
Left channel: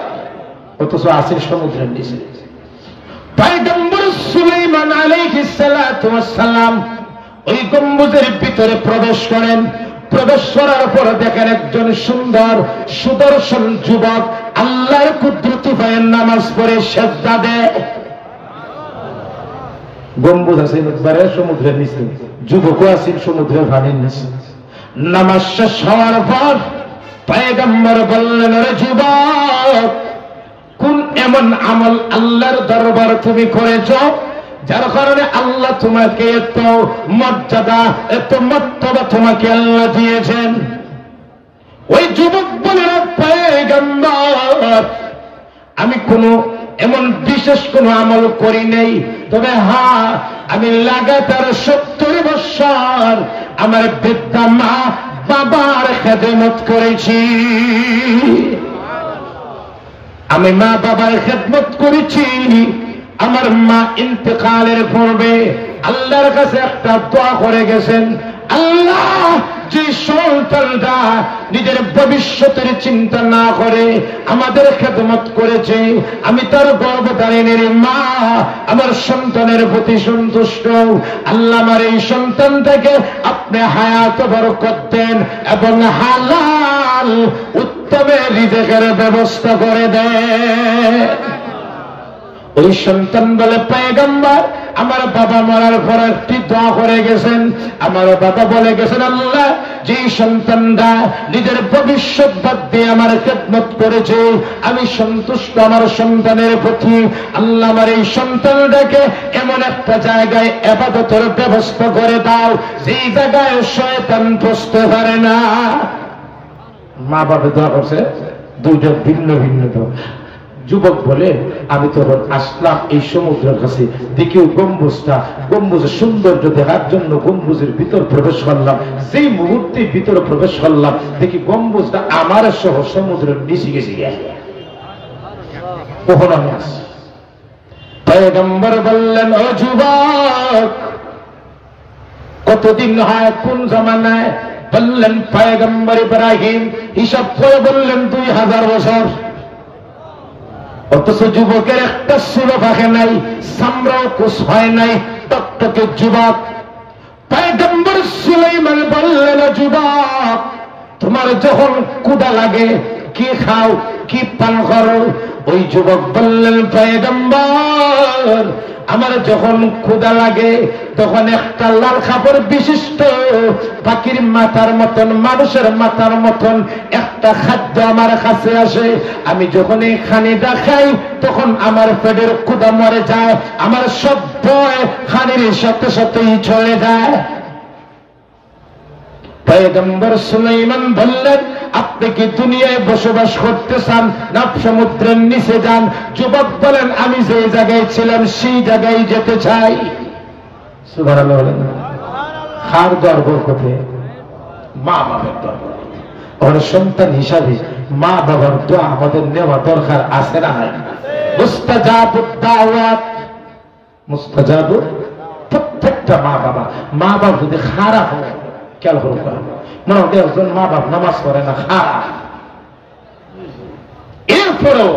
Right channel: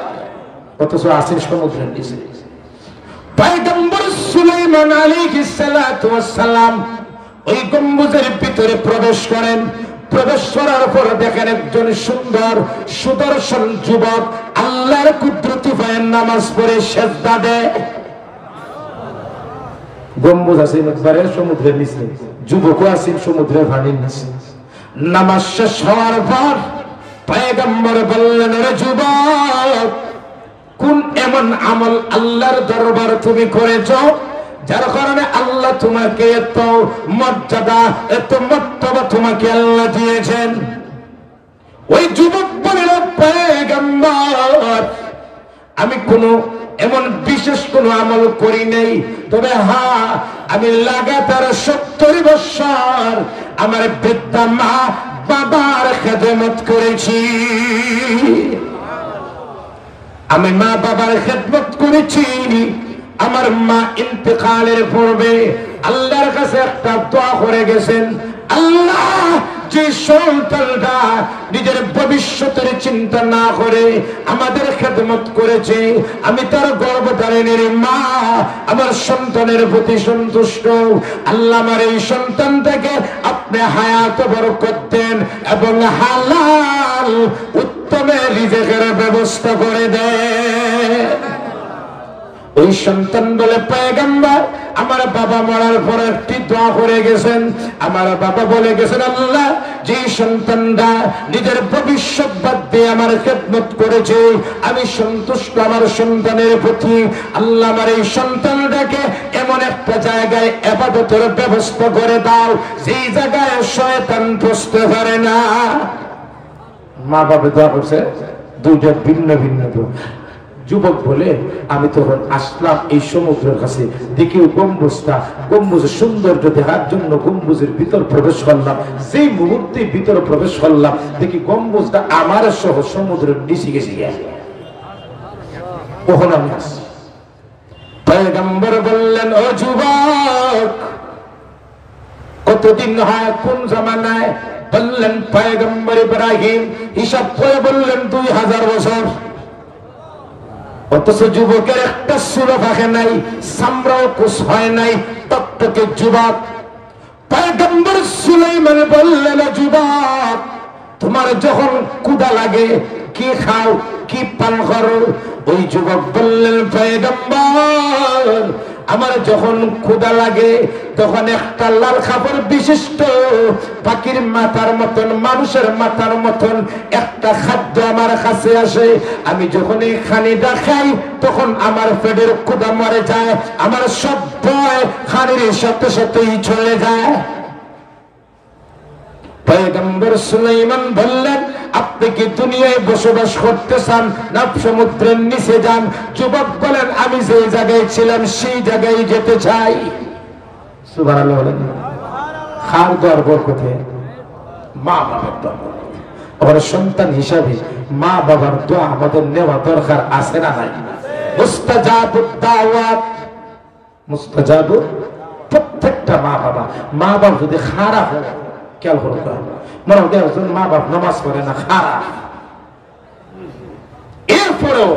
অথচ আছে সমুদ্রের নিচে। পয়গম্বর সুলাইমান আলাইহিস সালাতু ওয়াস সালাম ওই গম্বুজের ভিতরে প্রবেশ করেন। প্রবেশ করার পরে দেখেন একজন সুন্দর সুদর্শন যুবক আল্লাহর কুদরতি পায়ের নামাজ পড়ে সেজদা দেয়। গম্বুজ আছে একবারে সমুদ্রের নিচে, যুবকও আছেন সমুদ্রের পানির নিচে। নামাজ শেষ হওয়ার পর পয়গম্বর বললেন, রে যুবক, কোন এমন আমল আল্লাহর দরবার তুমি করেছ যার কারণে আল্লাহ তোমাকে এত মর্যাদা এত মর্তবা তোমাকে আল্লাহ দিয়েছেন? ওই যুবক বলল, পয়গম্বর, আমি কোন এমন বিশেষ কোন আমল করি নেই, তবে হ্যাঁ আমি লাগাতার 70 বছর আমার বৃদ্ধা মা বাবার খেদমত করেছি। আমি মা বাবার খেদমত করেছি। আমার মা ইন্তেকালের পূর্বে আল্লাহর কাছে একটা দোয়া করে গেছেন, আল্লাহ, যে সন্তানটা নিজের ভবিষ্যতের চিন্তা না করে আমাদের খেদমত করেছে, আমি তার গর্ভধারিণীর মা, আমার সন্তানের প্রতি সন্তুষ্ট। আল্লাহ, আমার এই সন্তানটাকে আপনি হায়াত বরকত দেন এবং হালাল উত্তমে রিজেকের ব্যবস্থা করে দেন। ওই সন্তান বলে, পয়গম্বর, আমার বাবা মরার পর একটি দোয়া করে গেছেন। আমার বাবা বলে গেছেন, আল্লাহ, যে সন্তানটা নিজের ভবিষ্যৎ বাদ দিয়ে আমার খেদমত করেছে, আমি সন্তুষ্ট আমার সন্তানের প্রতি। আল্লাহ, আমার এই সন্তানটাকে এমন একটা জায়গায় ইবাদতের ব্যবস্থা করে দাও যেই জায়গায় শয়তান বসতে পারে না। মা বাবা দোয়া করছে, দুইটা ভিন্ন ভিন্ন দোয়া। যুবক বলে, আমি তখন আসলাম এই সমুদ্রের কাছে, দেখি গম্বুজের সৌন্দর্য দেখার জন্য গম্বুজের ভিতর প্রবেশ করলাম। সেই মুহূর্তে ভিতরে প্রবেশ করলাম, দেখি গম্বুজটা আমার সহ সমুদ্রের নিচে গেছে। কখন আমি আসি, পয়গম্বর বললেন, ও যুবক, কতদিন হয়, কোন জামানায়? বললেন, পয়গম্বর ইব্রাহিম। হিসাব করে বললেন 2000 বছর। অথচ যুবকের একটা চুলো ফাঁকে নাই, চামড়াও কুচ হয় নাই, টকটকে যুবক। পয়গম্বর সুলাইমান বললেন, যুবক, তোমার যখন ক্ষুধা লাগে কি খাও, কি পান করো? ওই যুবক বললেন, পয়গম্বর, আমার যখন ক্ষুধা লাগে তখন একটা লাল কাপড় বিশিষ্ট পাখির মাথার মতন, মানুষের মাথার মতন একটা খাদ্য আমার কাছে আসে। আমি যখন এই খানিটা খাই তখন আমার পেটের ক্ষুধা মরে যায়, আমার সব ভয় খানির সাথে সাথেই চলে যায়। পয়গম্বর সুলাইমান বললেন, আপনি কি দুনিয়ায় বসবাস করতে চান না সমুদ্রের নিচে যান? যুবক বলেন, আমি যে জায়গায় ছিলাম সেই জায়গায় যেতে চাই। সুবহানাল্লাহ বলেন। কার দরবার কোথায়? মা বাবার দরবার। ওরা সন্তান হিসাবে মা বাবার দোয়া আমাদের নেওয়া দরকার আছে না নাই? মুস্তাজাবুদ দাওয়াত, মুস্তাজাবু। প্রত্যেকটা মা বাবা যদি খারাপ হয়, খেয়াল করুন, মনে হয় একজন মা বাপ নামাজ পড়ে না, খারাপ। এরপরেও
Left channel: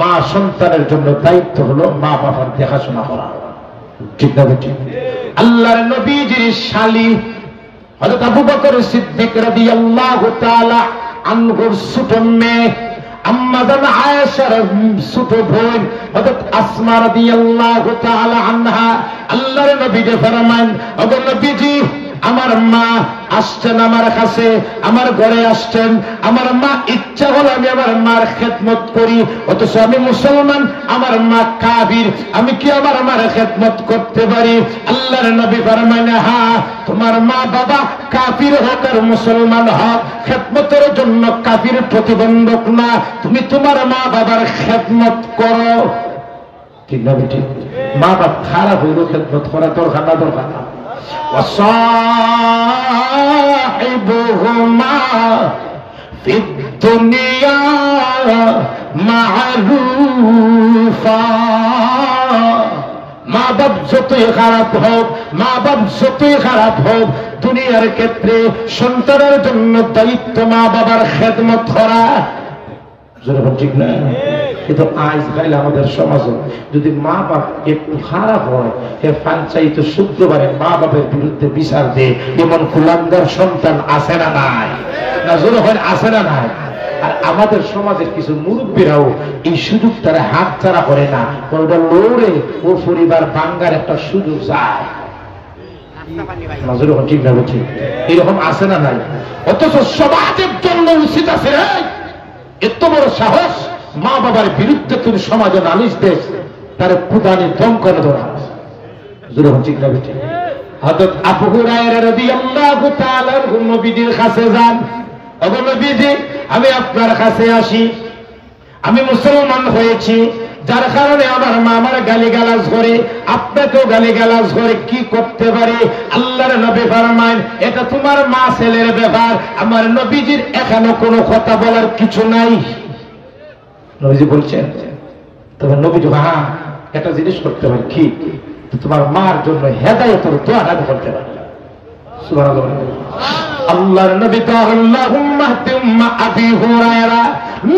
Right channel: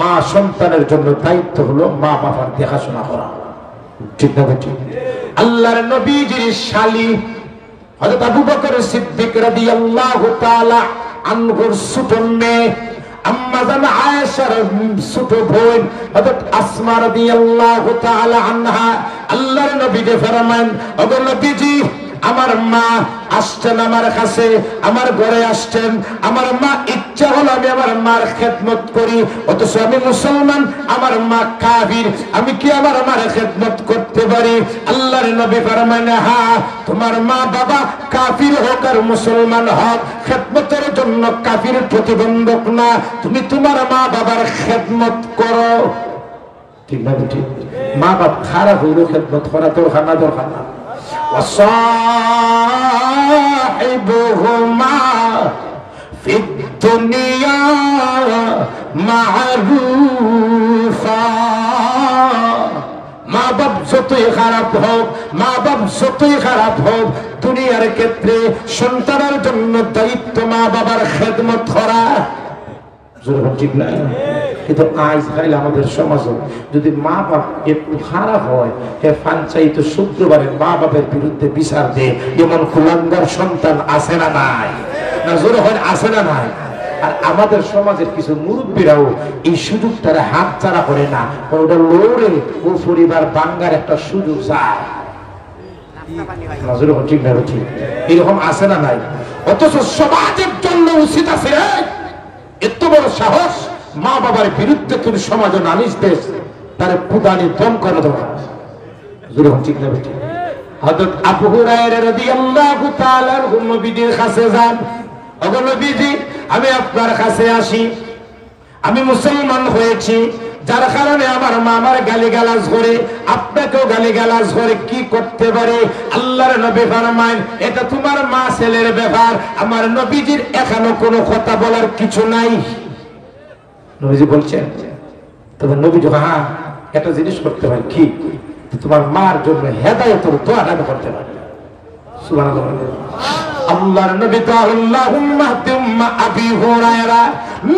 মা সন্তানের জন্য দায়িত্ব হলো মা বাবার দেখাশোনা করা, ঠিক না ঠিক? আল্লাহর নবীজির শালী হযরত আবু বকর সিদ্দিক রাদিয়াল্লাহু তাআলা আনহুর ছোট মেয়ে আম্মা জান আয়েশার ছোট বোন হযরত আসমা রাদিয়াল্লাহু তাআলা আনহা আল্লাহর নবীকে ফরমান, ওগো নবীজি, আমার মা আসছেন আমার কাছে, আমার ঘরে আসছেন, আমার মা ইচ্ছা হলো আমি আমার মার খেদমত করি, অথচ আমি মুসলমান, আমার মা কাফির, আমি কি আমার মার খেদমত করতে পারি? আল্লাহর নবী ফরমায়, হ্যাঁ, তোমার মা বাবা কাফির হোক আর মুসলমান হোক, খেদমতের জন্য কাফির প্রতিবন্ধক না, তুমি তোমার মা বাবার খেদমত করো। ঠিক না ঠিক? মা বাপ খারাপ হইল খেদমত করা দরকার না? দরকার না। وصاحبهما في الدنيا معروفا। মা বাপ যতই খারাপ হোক, মা বাপ যতই খারাপ হোক, দুনিয়ার ক্ষেত্রে সন্তানের জন্য দায়িত্ব মা বাবার খেদমত করা। ঠিক না? কিন্তু আজ খাইলে আমাদের সমাজও যদি মা বাপ একটু খারাপ হয় হে পঞ্চায়েত শুক্রবারে মা বাপের বিরুদ্ধে বিচার দেয়, এমন কুলাঙ্গার সন্তান আছে না নাই? না জোরে হয় আছে না নাই? আর আমাদের সমাজের কিছু মুরব্বীরাও এই সুযোগটারে হাত ছাড়া করে না, ওটা লড়ে ও পরিবার বাঙ্গার একটা সুযোগ চায়। নজর ঠিক না ঠিক এরকম আছে না নাই? অথচ সমাজের জন্য উচিত আছে এত বড় সাহস মা বাবার বিরুদ্ধে কিন্তু সমাজে নালিশ দেশ তার প্রদানে দম করে দেওয়া ঠিক না ঠিক। হযরত আবু হুরায়রা রাদিয়াল্লাহু তাআলা নবীর কাছে যান, ওগো নবীজি আমি আপনার কাছে আসি, আমি মুসলমান হয়েছি, যার কারণে আমার মা আমার গালিগালাজ করে, আপনাকেও গালিগালাজ করে, কি করতে পারে? আল্লাহর নবী ফরমায় এটা তোমার মা ছেলের ব্যাপার, আমার নবীজির এখনো কোনো কথা বলার কিছু নাই। নবীজি বলছেন, তবে নবীজি হ্যাঁ একটা জিনিস করতে পারে, কি? তোমার মার জন্য হেদায়েতের দোয়া আমি করতে পারি। সুবহানাল্লাহ। আল্লাহর নবী তো আল্লাহুম্মা হাদিম আবি হুরায়রা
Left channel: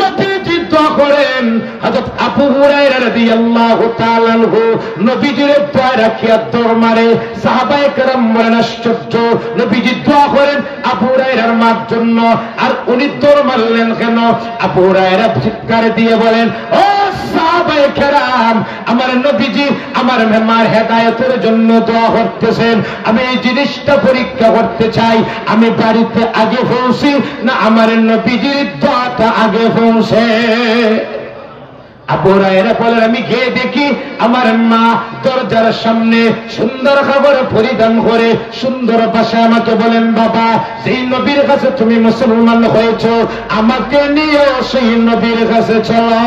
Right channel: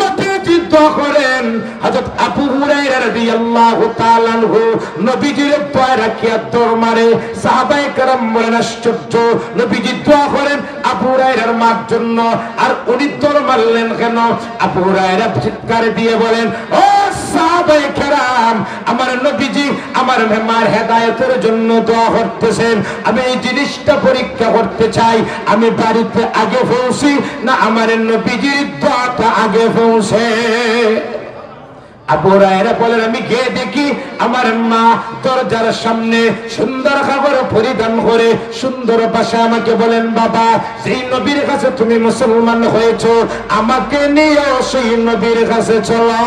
নবীজি দোয়া করেন। হযরত আবু হুরায়রা রাদিয়াল্লাহু তাআলা আনহু নবীজির পায়ে রাখিয়া দৌড় মারে। সাহাবায়ে কেরাম বলেন আশ্চর্য, নবীজি দোয়া করেন আবু হুরায়রার মার জন্য, আর উনি দৌড় মারলেন কেন? আবু হুরায়রা চিৎকার দিয়ে বলেন, ও সাহাবায়ে কেরাম, আমার নবীজি আমার মার হেদায়েতের জন্য দোয়া করতেছেন, আমি এই জিনিসটা পরীক্ষা করতে চাই, আমি বাড়িতে আগে পৌঁছি না আমার নবীজির দোয়াটা আগে পৌঁছে? আবু হুরায়রা বলেন, আমি গিয়ে দেখি আমার মা দরজার সামনে সুন্দর খাবার পরিধান করে সুন্দর ভাষায় আমাকে বলেন, বাবা সেই নবীর কাছে তুমি মুসলমান হয়েছো, আমাকে নিয়ে সেই নবীর কাছে চলো।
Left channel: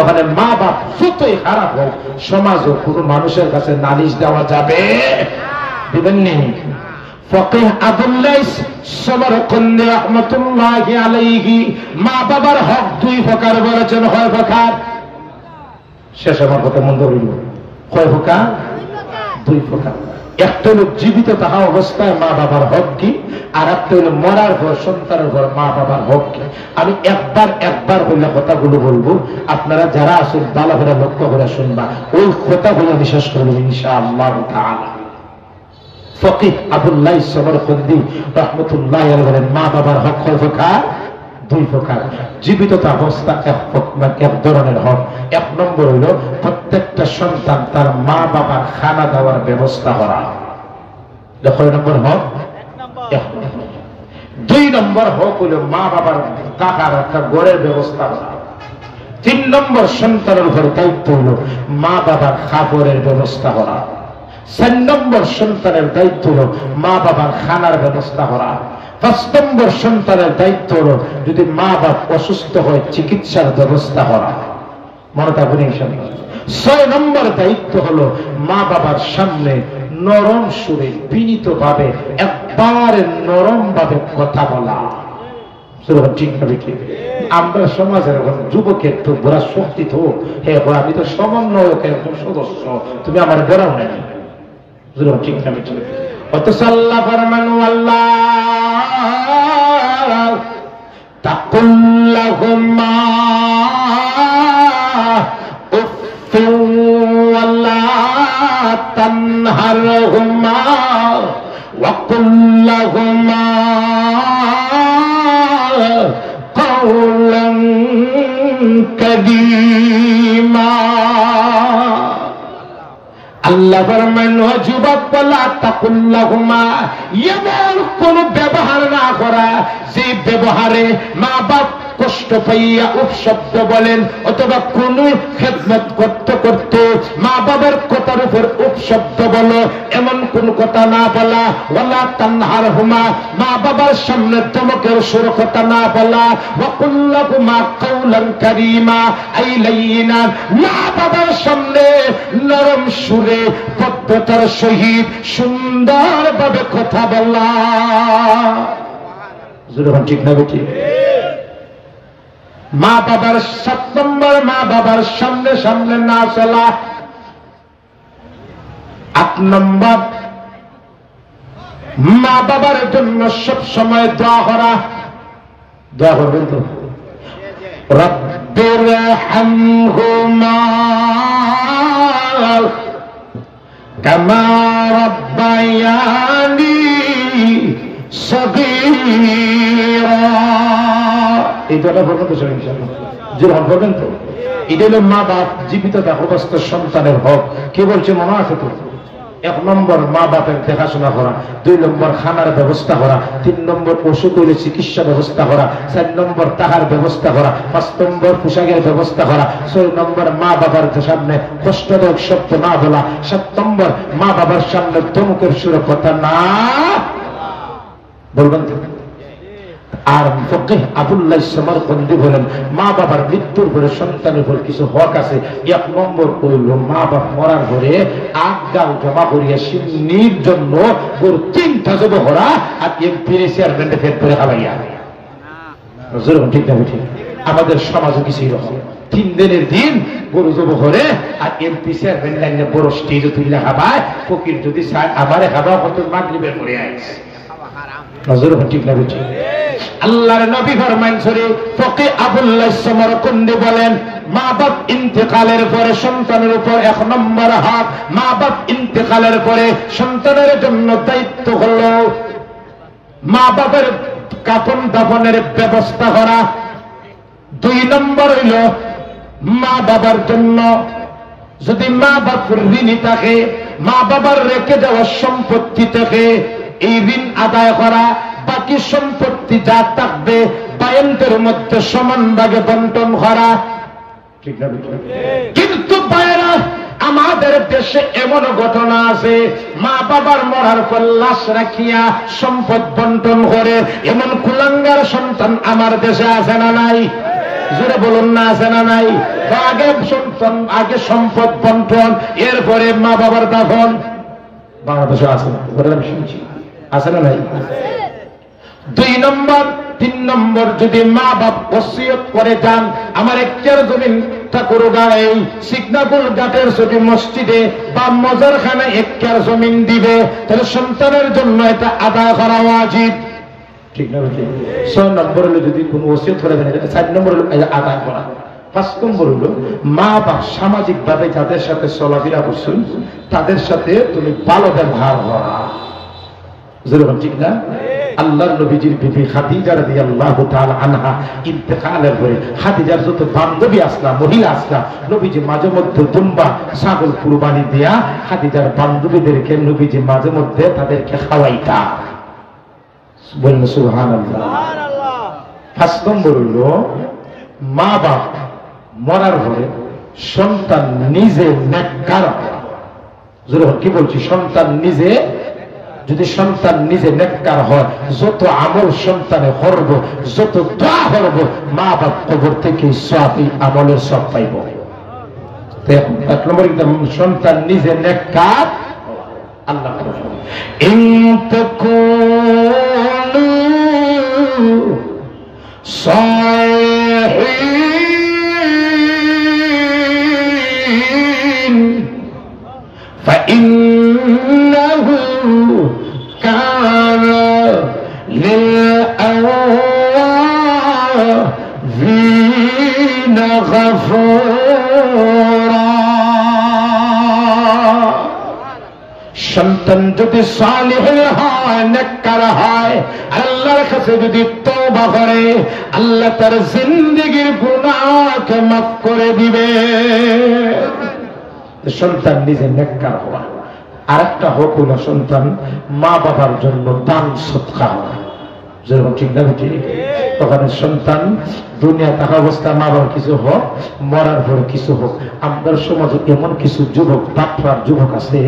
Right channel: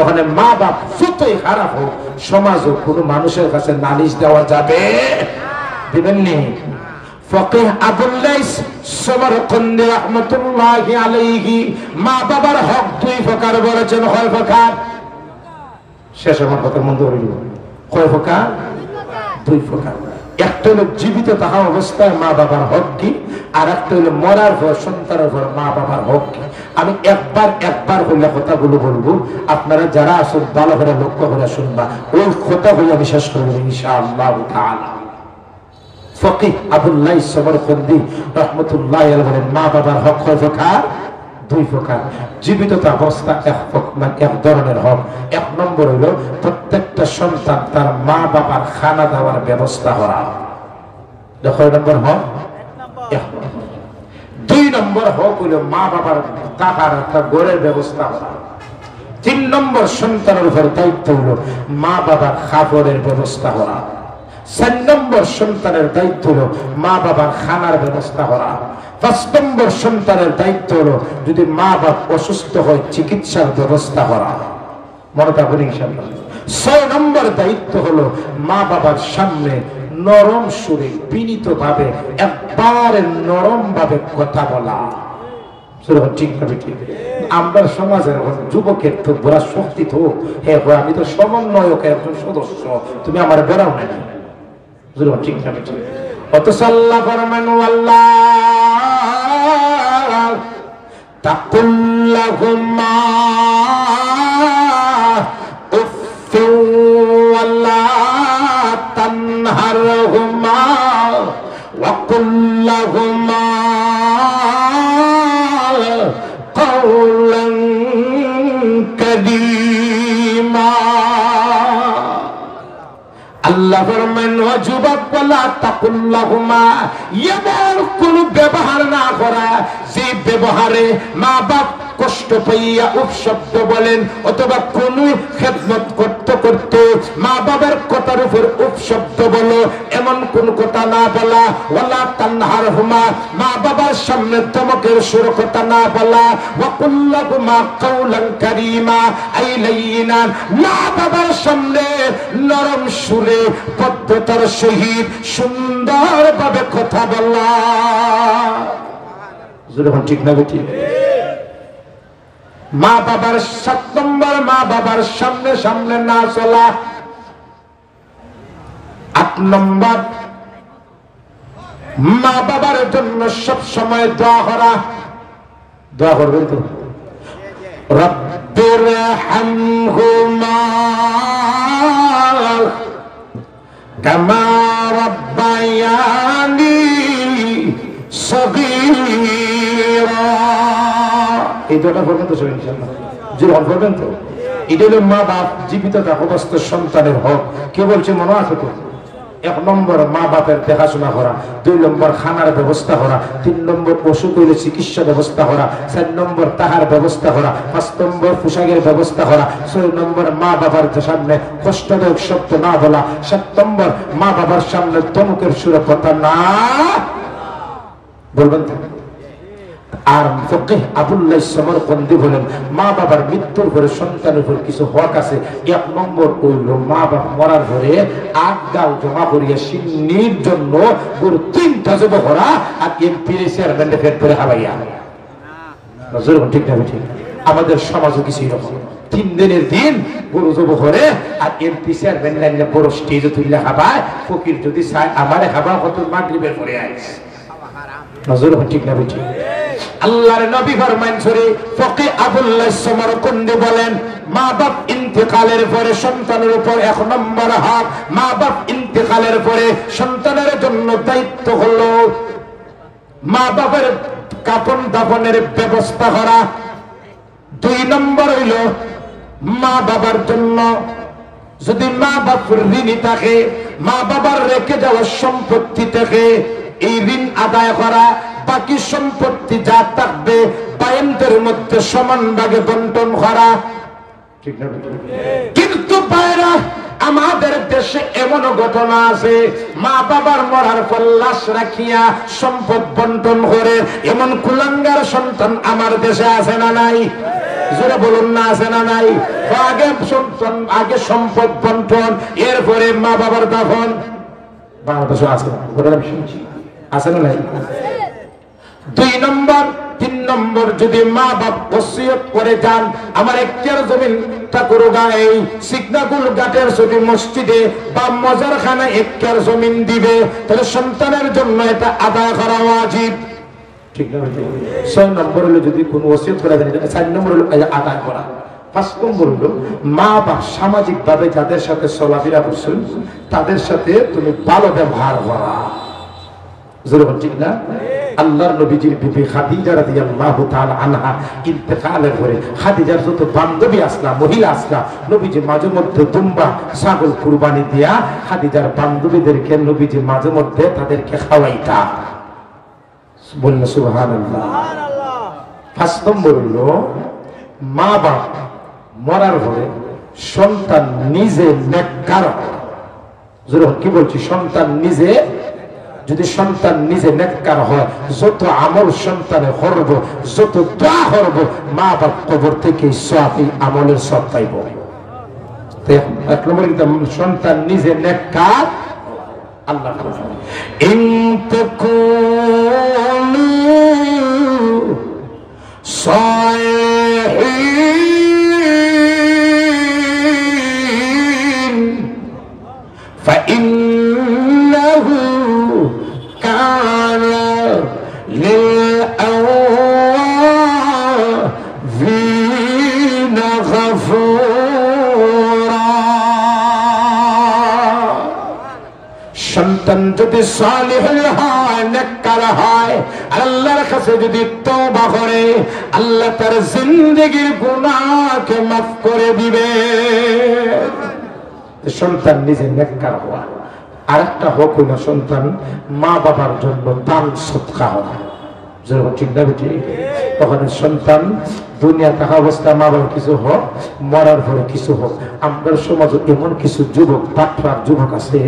ওখানে মা বাপ যতই খারাপ হোক সমাজও কোনো মানুষের কাছে নালিশ দেওয়া যাবে দিবেননি। ফকিহ আবুল লাইস সমরকন্দি রাহমাতুল্লাহি আলাইহি মা বাবার হক দুই প্রকার বলেছেন, হয় প্রকার। শেষ আমার কথা মন্দ হইল, কয় প্রকার? দুই প্রকার। একটা হলো জীবিত থাকা অবস্থায় মা বাবার হক কি, আর একটা হলো মরার পর সন্তানের পর মা বাবার হক কি। আমি একবার বললে কথাগুলো বলবো, আপনারা যারা আসুন ভালো করে লক্ষ্য করে শুনবা, ওই কথাগুলো আমি শেষ করবো ইনশাআল্লাহ তাআলা। ফকিহ আবুল লাইস সমরকন্দি রাহমাতুল্লাহি আলাইহি বলেন, মা বাবার হক হয় প্রকার, দুই প্রকার। জীবিত অবস্থা এক ধরনের হক। এক নম্বর হইল প্রত্যেকটা সন্তান তার মা বাবার খানা দেওয়ার ব্যবস্থা করা, কয় নম্বর হক? দুই নম্বর হক হইল মা বাবার টাকার একটা গড়ের ব্যবস্থা করা। তিন নম্বর সন্তানের উপর দায়িত্ব হইল মা বাবার খাবারের ব্যবস্থা করা। চার নম্বর সন্তানের দায়িত্ব হলো মা বাবার খানার ব্যবস্থা করা। পাঁচ নম্বর সন্তানের দায়িত্ব হলো যদি মা বাপ অসুস্থ হয় চিকিৎসার ব্যবস্থা করা। মনে থাকুন ইনশাআল্লাহ। ৬ নম্বর দায়িত্ব হলো মা বাবার সামনে নরম সুরে বিনীত ভাবে একবারে নরম ভাবে কথা বলা। ঠিক না ঠিক? আমরা সমাজের যুবকের তো বড় শক্তি তো, হ্যাঁ আমি তো সমন্বয়কের একজন সদস্য, তুমি আমার বেড়াও নাই, ঠিক না ঠিক? অথচ আল্লাহ ফরমান, আল্লাহ তাকুল্লাহুম্মা উফফু ওয়ালা তানহারহুমা ওয়া কুল্লাহুমা কাওলান কারীমা। আল্লাহ ফরমান, ও যুবক বলা তাকুল্লাহুমা, এমন কোন ব্যবহার না করা যে ব্যবহারে মা বাপ কষ্ট পাইয়া উপশব্দ বলেন, অথবা কোন খেদমত করতে করতে মা বাবার কথার উপর উপশব্দ বলো, এমন কোন কথা না বলা। ওয়ালা তানহারহুমা, মা বাবার সামনে ধমকের সুর কথা না বলা। ওয়া কুল্লাহুমা কাওলান কারীমা, আই লাইয়িনা, মা বাবার সামনে নরম সুরে পদ্ধতার সহিত সুন্দরভাবে কথা বলা। ঠিক না ঠিক? মা বাবার ৭ নম্বর, মা বাবার সামনে সামনে না চলা। ৮ নম্বর, মা বাবার জন্য সব সময় দোয়া করা। দোয়া করবেন তো? রব্বিরহামহুমা কামা রাব্বায়ানি সগীরা। এই দুটো পর্যন্ত শুনে ইনশাআল্লাহ জোর হক করবেন তো। এটা হলো মা বাপ জীবিত থাকাবস্থ সন্তানের হক। কে বলছে মনে আছে তো? 1 নম্বর মা বাপের দেখাশোনা করা, 2 নম্বর খানার ব্যবস্থা করা, 3 নম্বর অসুখ হইলে চিকিৎসা ব্যবস্থা করা, 4 নম্বর তাহার ব্যবস্থা করা, 5 নম্বর পোশাকের ব্যবস্থা করা, 6 নম্বর মা বাবার সামনে কষ্টদায়ক শব্দ না বলা, 7 নম্বর মা বাবার সামনে ধমকের সুরে কথা না বলবেন। আর ফকিহ আবুল্লাহ সমরকন্দি বলেন মা বাবার মৃত্যুর পরে সন্তানের উপর কিছু হক আছে। 1 নম্বর হইল মা বাপ মরার পরে আগাল জমা করিয়া সিন্নির জন্য গরু 3টা জব করা আর এমপির চেয়ারম্যানটা ফেট করে খাওয়াইয়া। ঠিক না ঠিক? আমাদের সমাজও কিছু এরকম 3 দিনের দিন গরু জব করে আর এমপি চেয়ারম্যান লাইনে বড় স্টেজে তুললে খাবায়। ফকির যদি চায় আমারে খাবা কত মাগরিবের পরে আইছে। ঠিক না ঠিক? আল্লাহর নবী ফরমান সরে ফকিহ আবুল্লাহ সমরকন্দি বলেন মা বাপ ইন্তেকালের পরে সন্তানের উপর 1 নম্বর হক। মা বাপ ইন্তেকালের পরে সন্তানের জন্য দায়িত্ব হলো মা বাবার কাফন দাফনের ব্যবস্থা করা। 2 নম্বর হইল মা বাবার জন্য যদি মা বাপ ঋণী থাকে, মা বাবার রেখে যাওয়া সম্পত্তি থেকে এই ঋণ আদায় করা, বাকি সম্পত্তি যা থাকবে বায়নদের মধ্যে সমান ভাগে বন্টন করা। ঠিক না? কিন্তু বাইরা আমাদের দেশে এমন ঘটনা আছে মা বাবার মরার পর লাশ রাখিয়া সম্পদ বন্টন করে এমন কুলাঙ্গার সন্তান আমার দেশে আছে না নাই? যারা বলুন না আছে না নাই? আগে সন্তান আগে সম্পদ বন্টন, এরপরে মা বাবার দাফন। বাংলাদেশে আছে না? আছে না নাই? 2 নম্বর 3 নম্বর যদি মা বাপ ওসিয়ত করে যান আমার 1 একর জমিন ঠাকুরগাঁও সিগনাপুর ঘাটের ছবি মসজিদে বা মজারখানা 1 একর জমিন দিবে, তাহলে সন্তানের জন্য এটা আদায় করা ওয়াজিব। ঠিক না? 6 নম্বর হলো যদি কোনো ওসিয়ত করে দেন, 4 নম্বর হলো আদায় করা। 5 নম্বর হলো মা বাপ সামাজিক ভাবে যাদের সাথে চলাফেরা করছেন তাদের সাথে তুমি ভালো ব্যবহার করা। ঠিক না? আল্লাহর নবীজির বিবি খাদিজা রাদিয়াল্লাহু তাআলা আনহা ইন্তেকালের পরে খাদিজার যত বান্ধবী আসলা মহিলা আসলা নবীজি মাঝে মধ্যে দুম্বা ছাগল কুরবানি দিয়া খাদিজার বান্ধবীদেরকে নবীজি মাঝে মধ্যে তাদেরকে খাওয়াইতা। বলুন সুবহানাল্লাহ। 5 নম্বর হলো মা বাপ মরার পরে সন্তান নিজে নেককার হওয়া। কি বলছি? সন্তান নিজে যদি সন্তান নিজে নেককার হয় যত আমল সন্তানে করব যত দোয়া করব মা বাপ কবর থেকে সব আমলের সব পাইব। 1 নম্বর সন্তান নিজে নেককার আল্লাহ সন্তান যদি সালিহ হয় নেককার হয় আল্লাহর কাছে যদি তওবা করে আল্লাহ তার জিন্দেগীর গুনাহকে মাফ করে দিবে। সন্তান নিজে নেককার হওয়া। আরেকটা হক হলো সন্তান মা বাবার জন্য দান সদকা হওয়া। ঠিক না? তখন সন্তান দুনিয়া থাকা অবস্থা মা বাবার কিছু হোক মরার পরে কিছু হোক। আমাদের সমাজে এমন কিছু যুবক তাফরার যুবক আছে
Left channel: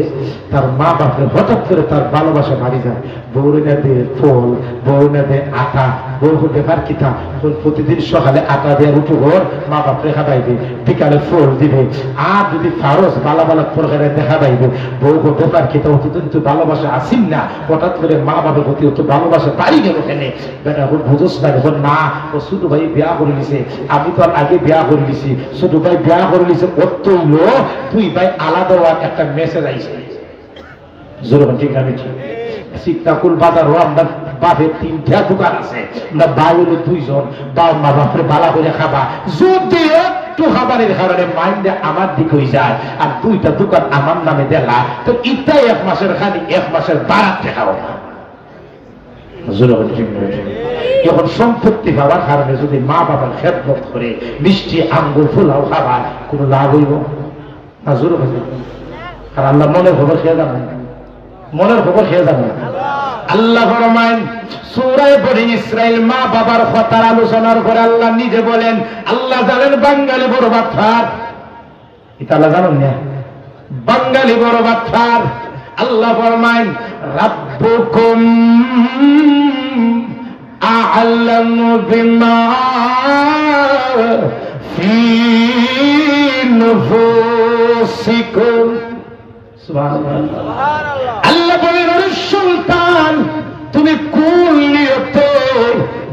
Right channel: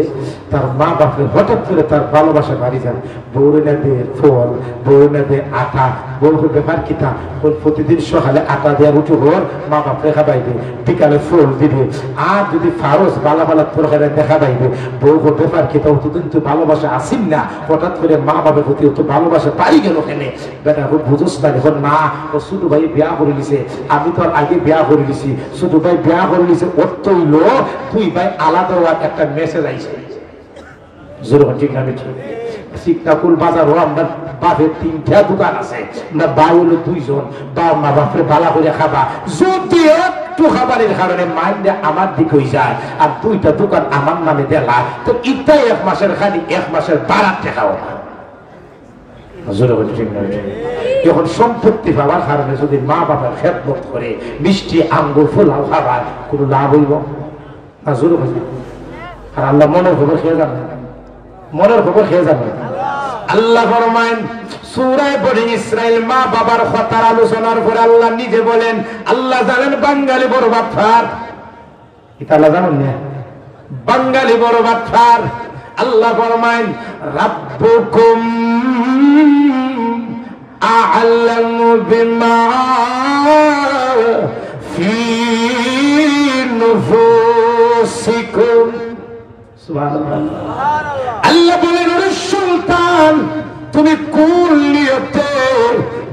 তার মা বাপরে হঠাৎ করে তার ভালোবাসা বাড়ি যায়, বউরে নেবে ফল, বউ নেবে আটা, বউ ব্যাপার কিতা প্রতিদিন সকালে আটা দেওয়ার উঠু ঘর মা বাপ রেখা পাইবে, বিকালে ফল দিবে, আর যদি ফারস বালা বালা প্রকারে দেখা পাইবে বউ ব্যাপার কিতা অতদিন তো ভালোবাসা আসিন না, হঠাৎ করে মা বাপের প্রতি অত ভালোবাসা বাড়ি গেল কেন? বেটা বুঝোস না এখন না ও ছোট ভাই বিয়া করে লিছে, আমি তো আর আগে বিয়া করে লিছি, ছোট ভাই বিয়া করে লিছে, ওর তো হইলো 2 ভাই আলাদা একটা মেসেজ আইছে। ঠিক না? সিকতাকুল বাজারও আমরা বাপের 3টা দোকান আছে, আমরা ভাই হলো 2 জন, বাপ মা বাপরে ভালো করে খাবা, যদি একটু খাবারের কারণে মাইন্ডে আমার দিক হয়ে যায় আর 2টা দোকান আমার নামে দেলা, তো ইটাই 1 মাসের খালি 1 মাসের বারাত দেখাও না। যখন সম্পত্তি পাওয়ার কারণে যদি মা বাবার খেদমত করে মিষ্টি আঙ্গুর ফুলাও খাবার কোনো লাভ হইব না? জোর হয়েছে। আর আল্লাহ মনের খবর খেয়ে যাবেন, মনের খবর খেয়ে যাবেন। আল্লাহ ফরমান সূরা বনি ইসরাইল মা বাবার কথার আলোচনার পরে আল্লাহ নিজে বলেন, আল্লাহ জানেন বাঙালি বড় বাটফার, এটা আল্লাহ জানেন না, বাঙালি বড় বাটফার। আল্লাহ ফরমান রাব্বুকুম আ'লামু বিমা ফি নুফুসিকুম। সুবহানাল্লাহ। আল্লাহ বলেন, ওরে সুলতান, তুমি কোন নিয়তে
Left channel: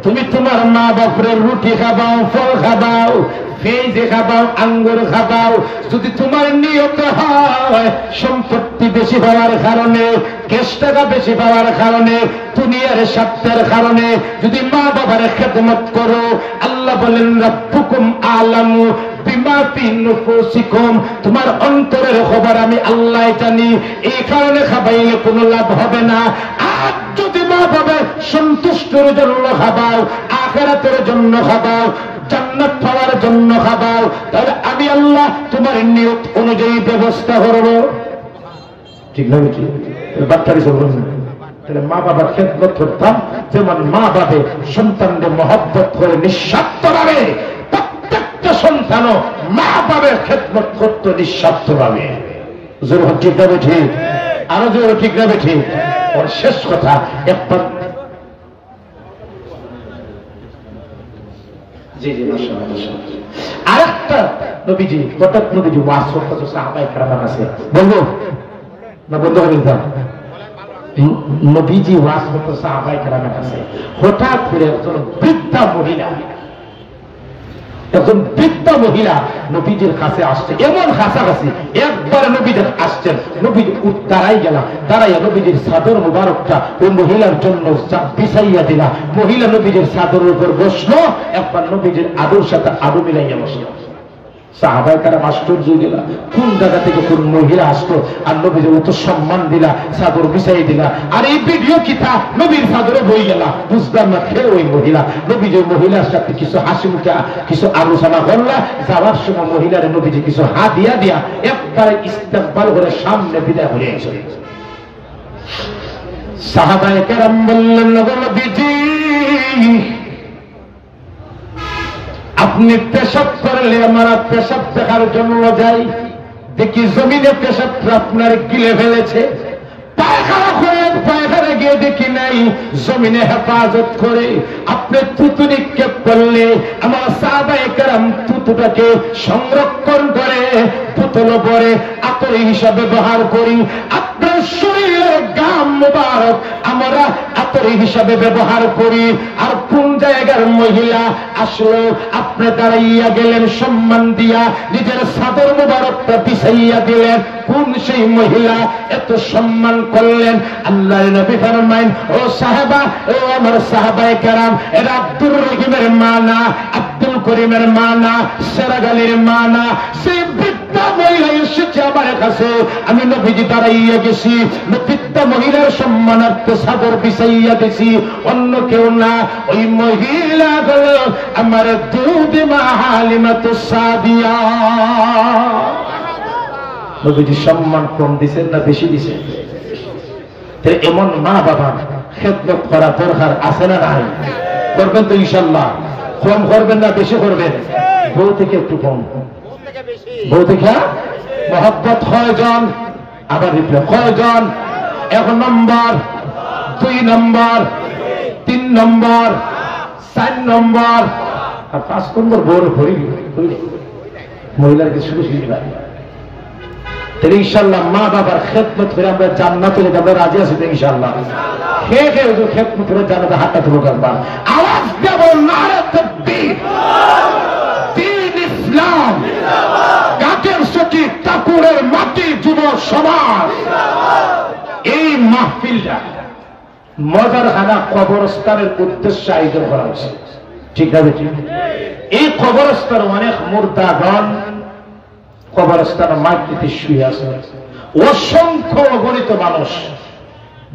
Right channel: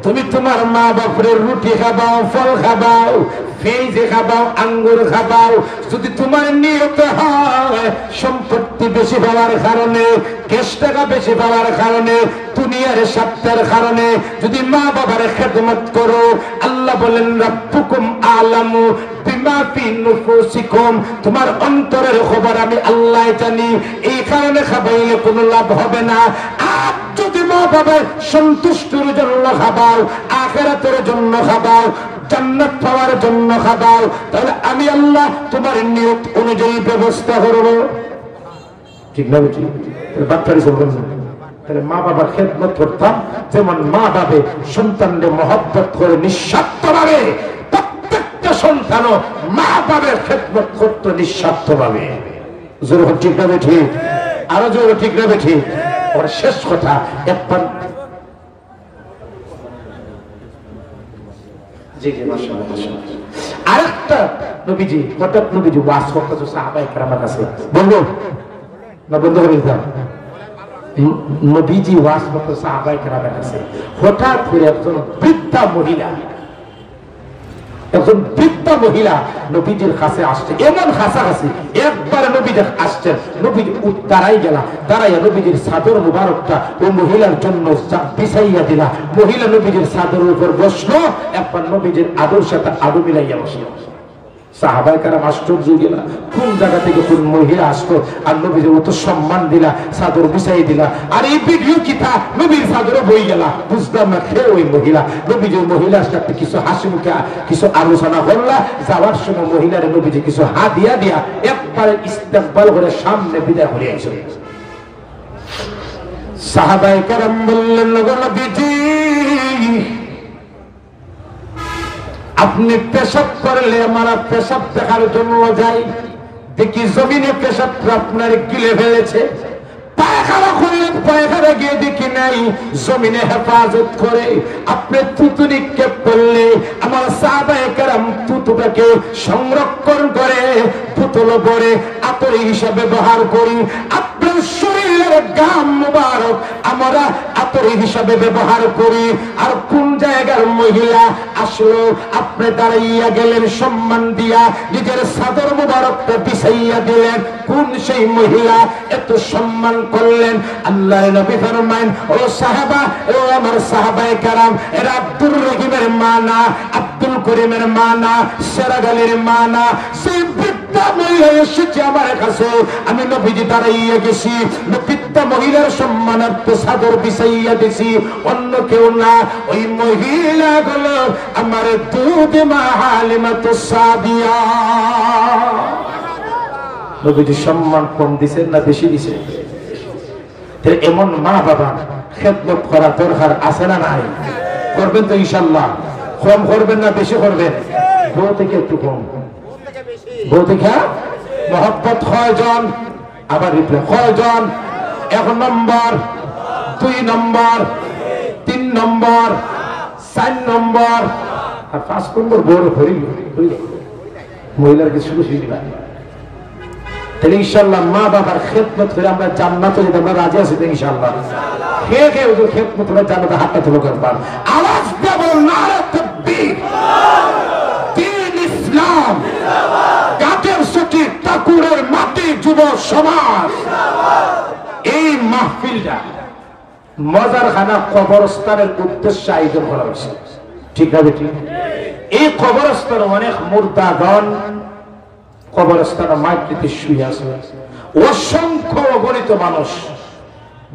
তুমি তোমার মা বাপের রুটি খাবাও, ফল খাবাও, ফেজে খাবাও, আঙ্গুর খাবাও, যদি তোমার নিয়ত হয় সম্পত্তি বেশি পাওয়ার কারণে, ক্যাশ টাকা বেশি পাওয়ার কারণে, দুনিয়ার স্বার্থের কারণে যদি মা বাবার খেদমত করো, আল্লাহ বলেন রাব্বুকুম আ'লামু বিমা ফি নুফুসিকুম, তোমার অন্তরের খবর আমি আল্লাহ জানি, এই কারণে খাবাইলে কোনো লাভ হবে না। আর যদি মা বাবার সন্তুষ্টির জন্য খাবাও, আখিরাতের জন্য খাবাও, জান্নাত পাওয়ার জন্য খাবাও, তাহলে আমি আল্লাহ তোমার নিয়ত অনুযায়ী ব্যবস্থা করব। ঠিক না? বাচ্চারি চলবেন, তাহলে মা বাবার খেদমত করতাম যেমন মা বাবা সন্তানদের মহব্বত করে নিঃস্বার্থভাবে, প্রত্যেকটা সন্তানও মা বাবার খেদমত করত নিঃস্বার্থভাবে। জোর ঠিক না? ঠিক আরো জোর ঠিক না? ঠিক। ওর শেষ কথা একবার আরেকটা নবীজি, হঠাৎ নবীজি ওয়াজ করতেছে সাহাবায়ে কেরামের কাছে, বলবো না বন্ধ করে দিতাম? নবীজি ওয়াজ করতেছে সাহাবায়ে কেরামের কাছে, হঠাৎ করে একজন বৃদ্ধা মহিলা, একজন বৃদ্ধা মহিলা নবীজির কাছে আসছে, এমন কাছাকাছি একবার নবীজি আসছেন, নবীজি দাঁড়াই গেলা, দাঁড়াইয়া নবীজির চাদর মুবারকটা ওই মহিলার জন্য বিছাইয়া দিলা, মহিলা নবীজির চাদরের উপর বসলো, একবার নবীজির আদর সাথে আদর মিলাইয়া বসলো। সাহাবায়ে কেরাম আশ্চর্য গেলা, কোন জায়গা থেকে কোন মহিলা আসতো আর নবীজি অত সম্মান দিলা, চাদর বিছাই দিলা, আর এই ভিডিও কিতা নবীর চাদরে বই গেলা, বুঝলাম না খেয়ে ওই মহিলা নবীজি মহিলার সাথে কিছু হাসি মুখে কিছু আলোচনা করলা, যাওয়ার সময় মহিলার নবীজি কিছু হাদিয়া দিয়া একবারে ইস্তেকবাল করে সামনে বিদায় করে আসে। সাহাবায়ে কেরাম বললেন, নবীজি আপনি পেশাব করলে আমার পেশাব দেখার জন্য যাই, দেখি জমিনে পেশাবটা আপনার গিলে ফেলেছে, পায়খানা করলেন, পায়খানা গিয়ে দেখি নাই, জমিনে হেফাজত করে আপনি থুতু নিক্ষেপ করলে, আমার সাহাবায়ে কেরাম থুতুটাকে সংরক্ষণ করে বোতল ভরে আতর হিসাবে ব্যবহার করি, আপনার শরীরের গাম মুবারক আমরা আতর হিসাবে ব্যবহার করি। আর কোন জায়গার মহিলা আসলো, আপনি দাঁড়াইয়া গেলেন সম্মান দিয়া, নিজের চাদর মুবারকটা বিছাইয়া দিলেন, কোন সেই মহিলা এত সম্মান করলেন? আল্লাহর নবী ফরমায়েন, ও সাহাবা, ও আমার সাহাবায়ে কেরাম, এরা আব্দুর রহিমের মা না, আব্দুল করিমের মা না, সেরাগালির মা না, সেই বৃদ্ধা মহিলা এসেছে আমার কাছে, আমি নবীজি দাঁড়াইয়া গেছি, বৃদ্ধা মহিলার সম্মানার্থে চাদর বিছাইয়া দিছি, অন্য কেউ না, ওই মহিলা হলো আমার দুধ মা হালিমাতুস সাদিয়া। নবীজি সম্মান কম দিছেন না বেশি দিছেন? এমন মা বাবা খেদমত করা দরকার আছে না নাই? করবেন তো ইনশাআল্লাহ? কম করবেন না বেশি করবেন? বউ থেকে একটু কম, বউ থেকে মহব্বত কয়জন? আবার রিপ্লে কয়জন? 1 নম্বর, 2 নম্বর, 3 নম্বর, 4 নম্বর, আর 5 নম্বর বড় হইলে মহিলার কিছু বেশি দিবা। তাহলে ইনশাআল্লাহ মা বাবার খেদমত করে আমরা জান্নাতে যেতে আমরা রাজি আছি তো ইনশাআল্লাহ? খেয়ে খেয়ে ওই খেদমত করে জান্নাতে হাতটা তুলে করবার আওয়াজ দেব, নারে তাকবীর, দ্বীন ইসলাম, কাকের সকি টাকুরের মাটি যুব সমাজ, এই মাহফিলটা মজার খানা কবরস্থানের উদ্দেশ্যে আয়োজন করা হয়েছে, ঠিক আছে? এই কবরস্থান অনেক মুর্দাগণ কবরস্থানের মাটিতে শুয়ে আছে, অসংখ্য অগণিত মানুষ